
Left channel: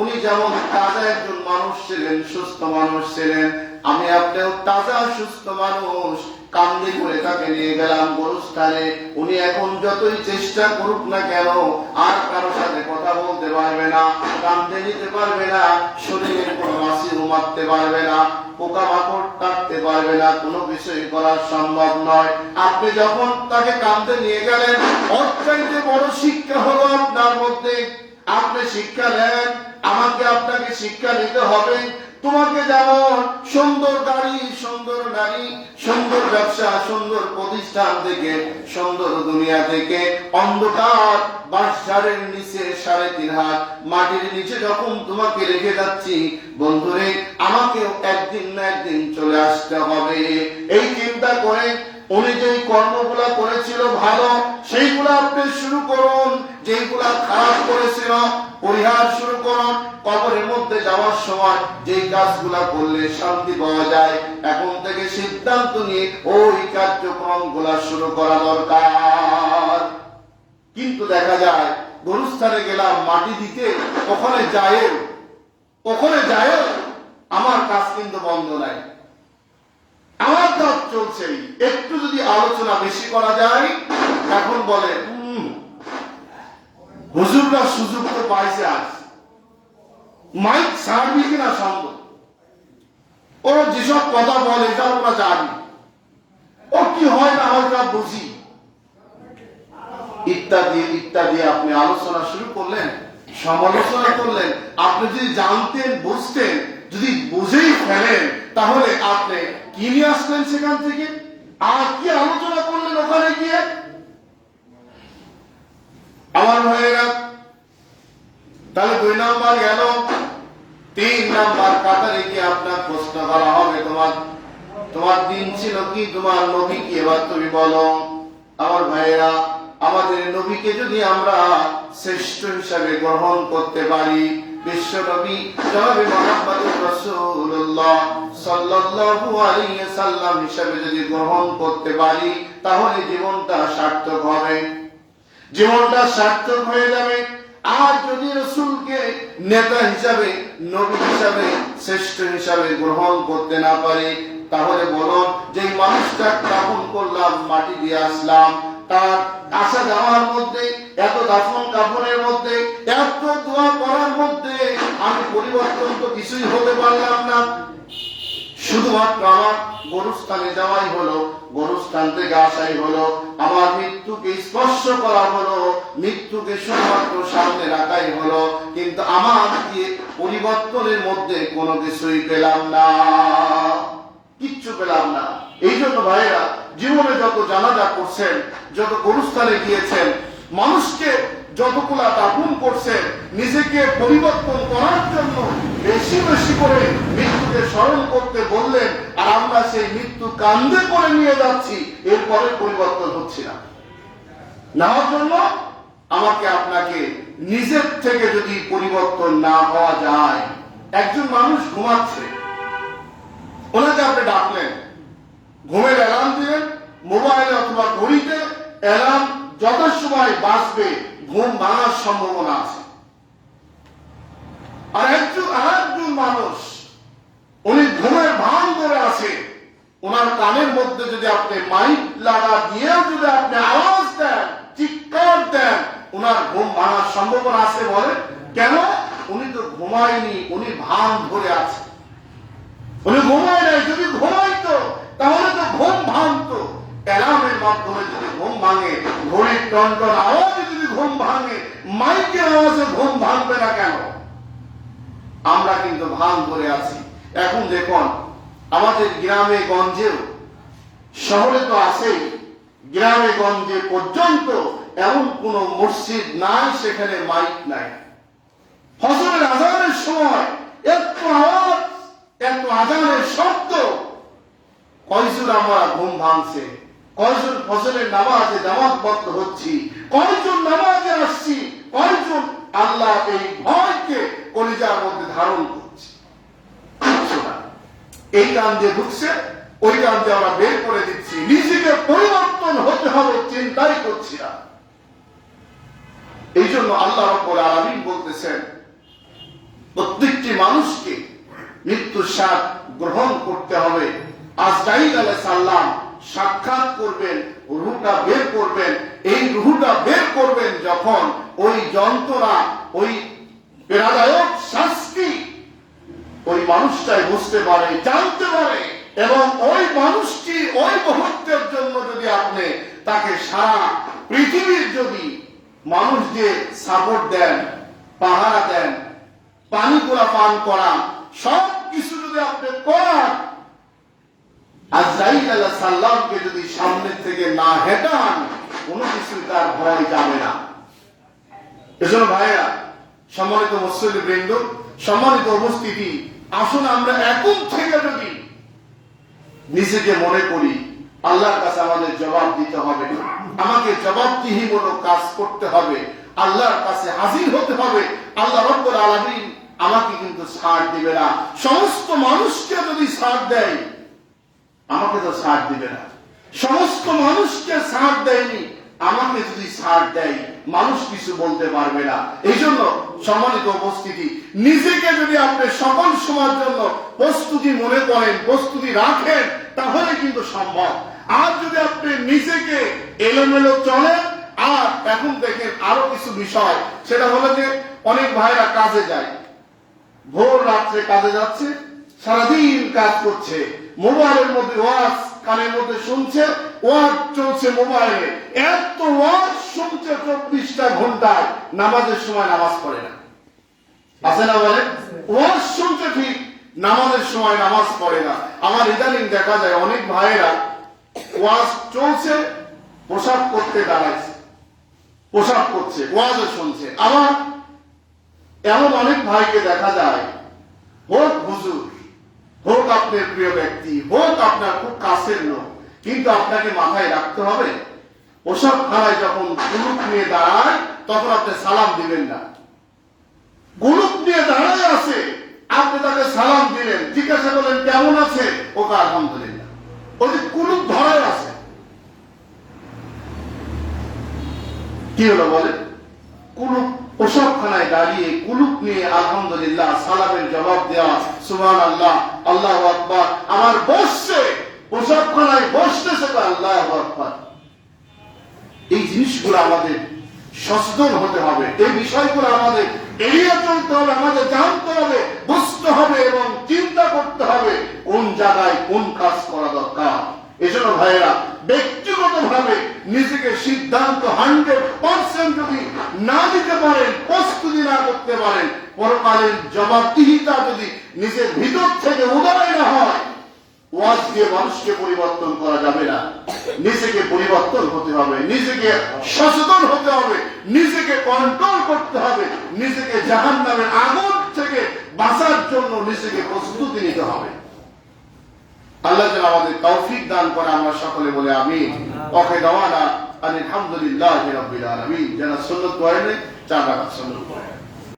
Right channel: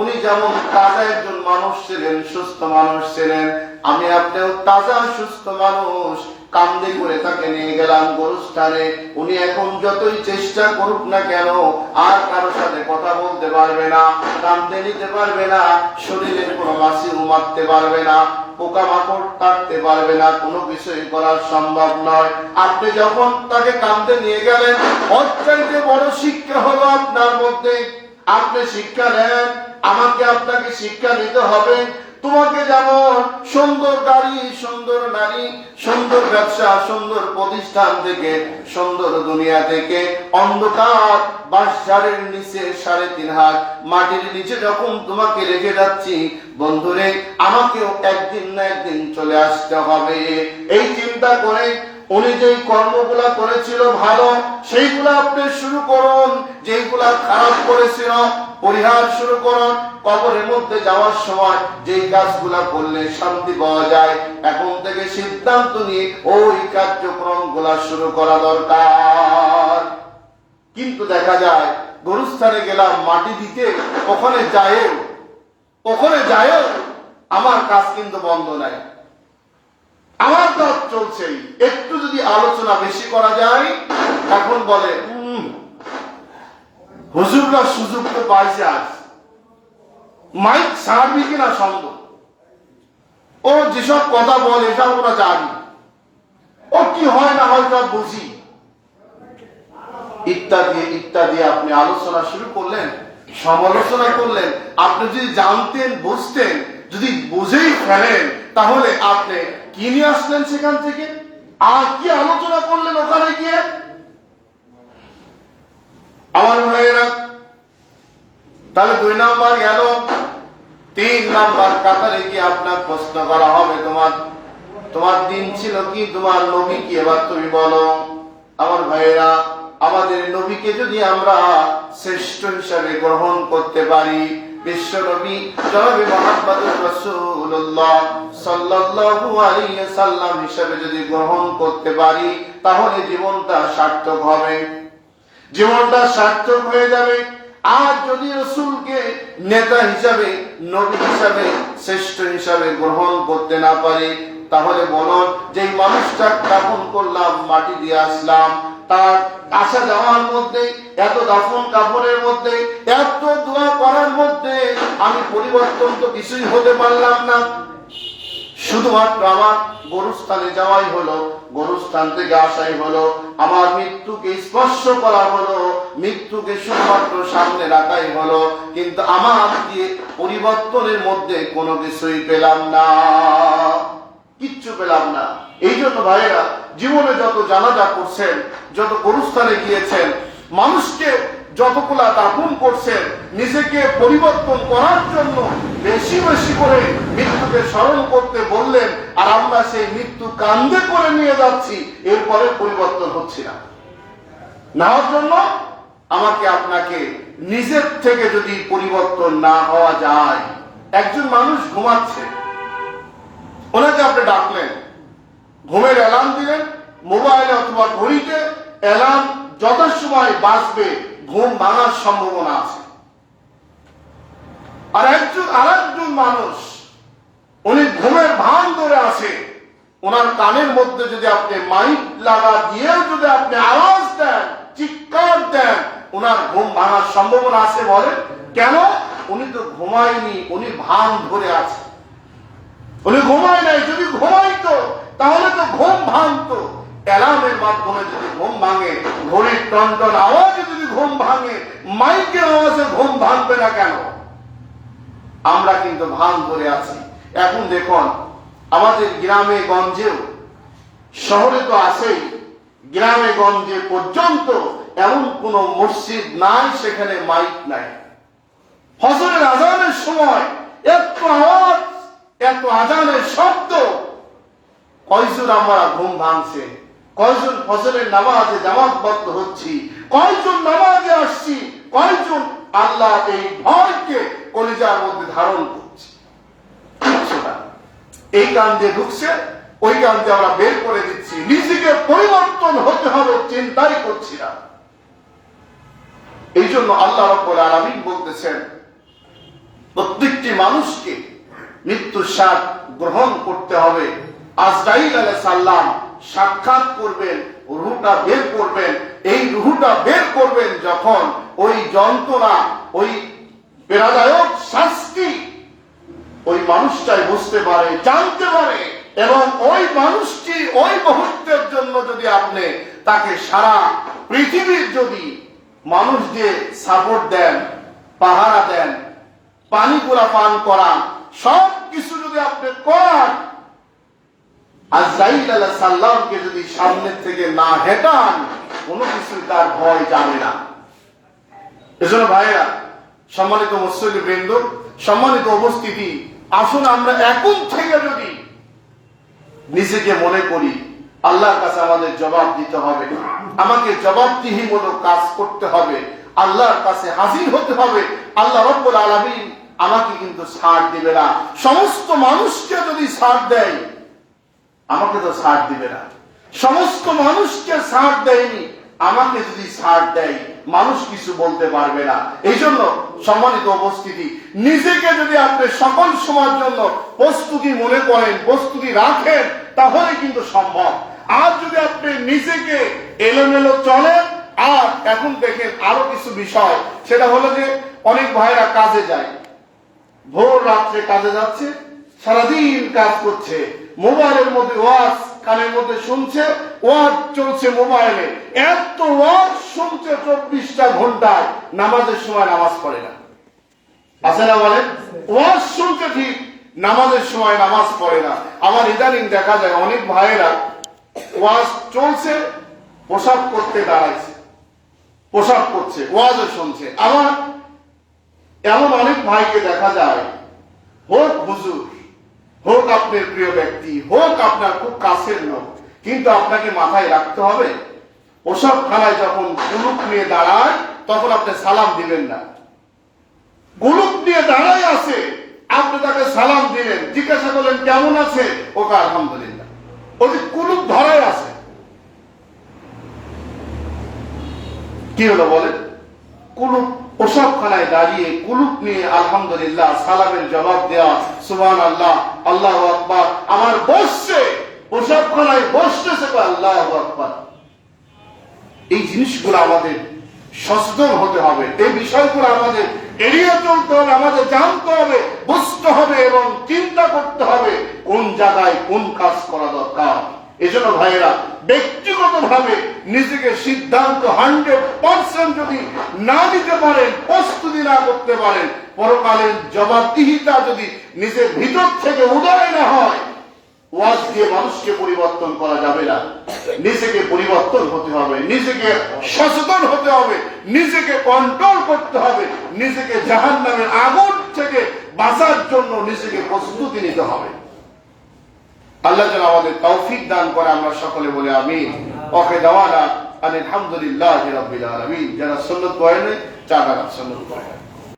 উনি যেমন তাজা একজন মানুষ ছিলেন, সুস্থ মানুষ ছিলেন, আমি আপনিও তাজা সুস্থ মানুষ, কান্দে করে তাকে নিয়ে গেলাম গোরস্থানে। উনি এখন যতই চেষ্টা করুক না কেন, আর কারোর সাথে কথা বলতে পারবে না, কান্দে নিতে পারবে না, শরীরের কোনো মাছি মারতে পারবে না, পোকামাকড় কাটতে পারবে না, কোনো কিছুই করা সম্ভব নয়। আপনি যখন তাকে কান্দে নিয়ে গেলেন, অত্যন্ত বড় শিক্ষা হলো আপনার মধ্যে। আপনি শিক্ষা নেন, আমাকে আপনাকে শিক্ষা নিতে হবে। তোমাকে যেমন সুন্দর গাড়ি, সুন্দর নারী, সুন্দর ব্যবসা, সুন্দর প্রতিষ্ঠান থেকে, সুন্দর দুনিয়া থেকে, অন্ধকার বাঁশঝাড়ের নিচে 3.5 হাত মাটির নিচে যখন তোমাকে রেখে যাচ্ছি, বন্ধুরে, আমাকেও একদিন না একদিন চলে আসতে হবে। এই চিন্তা করে উনি যেই কর্মগুলা করেছিল ভালো, সেইগুলা আপনি শুরু করুন, যেইগুলা খারাপ করেছিল পরিহার শুরু করুন। কবরের মধ্যে যাওয়ার সময় যেই কাজগুলা করলে শান্তি পাওয়া যায়, এখন থেকে সিদ্ধান্ত নিয়ে ওই কার্যক্রম গুলা শুরু করা দরকার। কিন্তু দেখা যায় গরুস্থানে গেলাম মাটি দিতে, ওখানে যায় ওখানে যায়ও আমার কাজ কিন্তু বন্ধ নাই, আমার কাজ চলছেই। একটু যদি আলোচনা বেশি করা যায়, এখন বলে হুজুররা সুযোগ তো পাইছে, আজ মাইক ছাড়বি কিনা সন্দেহ। ও যেসব কথা বলে এটা ওরা জানি, ও কি হয় না হয় সব বুঝি, ইত্যাদি ইত্যাদি। আপনি আলোচনা শুরু করলেন, সমালোচনা করলেন। আপনি যদি জানতেন, বুঝতেন, যদি বুঝেই ফেলেন, তাহলে আপনি কি নিয়ে আসলেন সেখান থেকে? আর কি আলোচনা করলেন ওখানে গিয়ে? আমার ভাইয়েরা, তাহলে 2 নাম্বার গেল। 3 নাম্বার কাতারে গিয়ে আপনার প্রশ্ন করা হবে, তোমার দিন ছিল কি, তোমার নবী কি, এবার তুমি বলো। আমার ভাইয়েরা, আমাদের নবীকে যদি আমরা শ্রেষ্ঠ হিসাবে গ্রহণ করতে পারি, বিশ্ব নবী জনাবে মুহাম্মদুর রাসূলুল্লাহ সাল্লাল্লাহু আলাইহি ওয়াসাল্লাম হিসাবে যদি গ্রহণ করতে পারি, তাহলে জীবনটা সার্থক হবে, জীবনটা সার্থক হয়ে যাবে। আর যদি রাসূলকে নেতা হিসাবে, নবী হিসাবে, শ্রেষ্ঠ হিসাবে গ্রহণ করতে না পারে, তাহলে বলুন, যে মানুষটা দাফন করলাম, মাটি দিয়ে আসলাম, তার আসা যাওয়ার মধ্যে, এত দাফন কাফনের মধ্যে, এত দোয়া করার মধ্যে আমি পরিবর্তন তো কিছুই হতে পারলাম না। শুধুমাত্র আমার গরুস্থানে যাওয়াই হলো, গরুস্থান থেকে আসাই হলো, আমার মৃত্যুকে স্পর্শ করা হলো, মৃত্যুকে শুধুমাত্র সামনে রাখাই হলো, কিন্তু আমার দিয়ে পরিবর্তনের মধ্যে কোনো কিছুই পেলাম না, কিচ্ছু পেলাম না। এই জন্য ভাইয়েরা, জীবনে যত জানাজা করছেন, যত গরুস্থানে গিয়েছেন, মানুষকে যতগুলা দাফন করছেন, নিজেকে পরিবর্তন করার জন্য বেশি বেশি করে মৃত্যুকে স্মরণ করতে বললেন, আর আমরা সেই মৃত্যু কান্দে করে নিয়ে যাচ্ছি, এরপরে পরিবর্তন হচ্ছে না। নেওয়ার জন্য আমাকে আপনাকে নিজের থেকে যদি পরিবর্তন না হওয়া যায়, একজন মানুষ ঘুমাচ্ছে, ওনাকে আপনি ডাকলেন, ঘুমের অ্যালার্ম দিলেন, মোবাইলে অথবা ঘড়িতে অ্যালার্ম যথাসময় বাজবে, ঘুম ভাঙার সম্ভাবনা আছে। আর একজন মানুষ, উনি ঘুমের ভান ধরে আছে, ওনার কানের মধ্যে যদি আপনি মাইক লাগা দিয়ে যদি আপনি আওয়াজ দেন, চিৎকার দেন, ওনার ঘুম ভাঙার সম্ভাবনা আছে। বলেন কেন? উনি তো ঘুমায়নি, উনি ভান ধরে আছে, উনি ঘুমায় নাই। যদি ঘুমাইতো তাহলে তো ঘুম ভাঙতো। অ্যালার্মের মাধ্যমে যদি ঘুম ভাঙে, ঘড়ির টনটন আওয়াজে যদি ঘুম ভাঙে, মাইকের আওয়াজে ঘুম ভাঙবে না কেন? আমরা কিন্তু ভান ধরে আছি। এখন দেখুন, আমাদের গ্রামে গঞ্জেও, শহরে তো আছেই, গ্রামে গঞ্জে পর্যন্ত এমন কোন মসজিদ নাই সেখানে মাইক নাই। ফজরের আজানের সময় এত আওয়াজ, এত আজানের শব্দ, কয়জন আমরা ঘুম ভাঙছে, কয়জন ফজরের নামাজে জামাতবদ্ধ হচ্ছি, কয়জন নামাজে আসছি, কয়জন আল্লাহ এই ভয়কে কলিজার মধ্যে ধারণ করছি। এই কান দিয়ে ঢুকছে, ওই কান দিয়ে আমরা বের করে দিচ্ছি, নিজেকে পরিবর্তন হতে হবে চিন্তাই করছি না। এই জন্য আল্লাহ রাব্বুল আলামিন বলতেছেন, প্রত্যেকটি মানুষকে মৃত্যুর স্বাদ গ্রহণ করতে হবে। আজরাইল আলাইহিস সালাম সাক্ষাৎ করবেন, রূহটা বের করবেন। এই রূহটা বের করবেন যখন, ওই যন্ত্রণা, ওই বেদনাদায়ক শাস্তি ওই মানুষটাই বুঝতে পারে, জানতে পারে, এবং ওই মানুষটি ওই মুহূর্তের জন্য যদি আপনি তাকে সারা পৃথিবীর যদি মানুষ যে সাপোর্ট দেন, পাহারা দেন, পানি পুরা পান করা, সব কিছু যদি আপনি করান, আজরাইল আলাইহিস সালামকে যদি সামনে থেকে না হেঁটান, কোনো কিছু তার ভয় যাবে না। এজন্য ভাইয়া, সম্মানিত মুসল্লি বৃন্দ, সম্মানিত উপস্থিতি, আসুন আমরা এখন থেকে যদি নিজেকে মনে করি, আল্লাহর কাছে আমাদের জবাব দিতে হবে, আমাকে জবাবদিহিমূলক কাজ করতে হবে, আল্লাহর কাছে হাজির হতে হবে। আল্লাহ রাব্বুল আলামিন আমাকে কিন্তু ছাড় দিবে না। সমস্ত মানুষকে যদি ছাড় দেয়, আমাকে তো ছাড় দিবে না। সমস্ত মানুষকে ছাড় দেয়নি, আমাকে যদি ছাড় দেয় মানুষ কিছু বলতে পারবে না। এই জন্য সম্মানিত উপস্থিতি, নিজেকে যদি আপনি সকল সময়ের জন্য প্রস্তুতি মনে করেন, প্রস্তুতি রাখেন, তাহলে কিন্তু সম্ভব। আর যদি আপনি নিজেকে এলোমেলো চলেন, আর এখন দেখেন আরো কিছু বিষয়, সেটা হলো যে অনেক ভাইরা কাজে যায়, ভোর রাত্রে কাজে যাচ্ছে, সারাদিন কাজ করছে, মোবাইলের মধ্যে ওয়াজ কানের মধ্যে শুনছে, ওয়াজ চলছে মোবাইলে, এত ওয়াজ শুনছে 24টা ঘন্টায়, নামাজের সময় নামাজ পড়ে না। আছে না বলেন? ওয়াজ শুনছে ঠিক, নামাজের সময় নামাজ পড়ে না। আমার ইদানিং দেখা যায় অনেক ভাইয়েরা ওয়াজ চলছে, পোশাক করতে দাঁড়াইছে, পোশাক করছে, ওয়াজও শুনছে। আবার এমন অনেক ভাইকে দেখা যায়, হোক হুজুর, হোক আপনার প্রিয় ব্যক্তি, হোক আপনার খুব কাছের লোক, কিন্তু আপনাকে মাথায় রাখতে হবে, ওসব খানায় যখন কুলুপ নিয়ে দাঁড়ায় তখন আপনি সালাম দিবেন না। কুলুপ নিয়ে দাঁড়ায় আছে, আপনি তাকে সালাম দিলেন, জিজ্ঞাসা করলেন কেমন আছে, ওকে আলহামদুলিল্লাহ। ওই যে কুলুপ ধরায় আছে, কি হলো বলেন? কুলুপ, ওসবখানায় দাঁড়িয়ে কুলুপ নিয়ে আলহামদুলিল্লাহ, সালামের জবাব দেওয়া, সুবহানাল্লাহ, আল্লাহু আকবার, আমার বসছে, ওসবখানায় বসতেছে তো আল্লাহু আকবার। এই জিনিসগুলো আমাদের সচেতন হতে হবে, এই বিষয়গুলো আমাদের এড়িয়ে চলতে হবে, আমাদের জানতে হবে, বুঝতে হবে এবং চিন্তা করতে হবে কোন জায়গায় কোন কাজ করা দরকার। এজন্য ভাইয়েরা, ব্যক্তিগতভাবে নিজেকে সিদ্ধান্ত 100% যদি না নিতে পারেন, প্রস্তুতি না করতে পারেন, পরকালের জবাবদিহিতা যদি নিজের ভিতর থেকে উদয় না হয়, ওয়াজ দিয়ে মানুষকে পরিবর্তন করা যাবে না। নিজেকে পরিবর্তন হতে হবে, নিজেকে সচেতন হতে হবে, নিজেকে কন্ট্রোল করতে হবে, নিজেকে জাহান্নামের আগুন থেকে বাঁচার জন্য নিজেকে প্রস্তুতি নিতে হবে। আল্লাহ যেন আমাদের তৌফিক দান করে, আমরা সকলে বলে আমিন। ওকে দাওয়ানা আলহামদুলিল্লাহি রাব্বিল আলামিন। যারা সুন্নাত পড়েন, 4 রাকাত সুন্নাত পড়েন।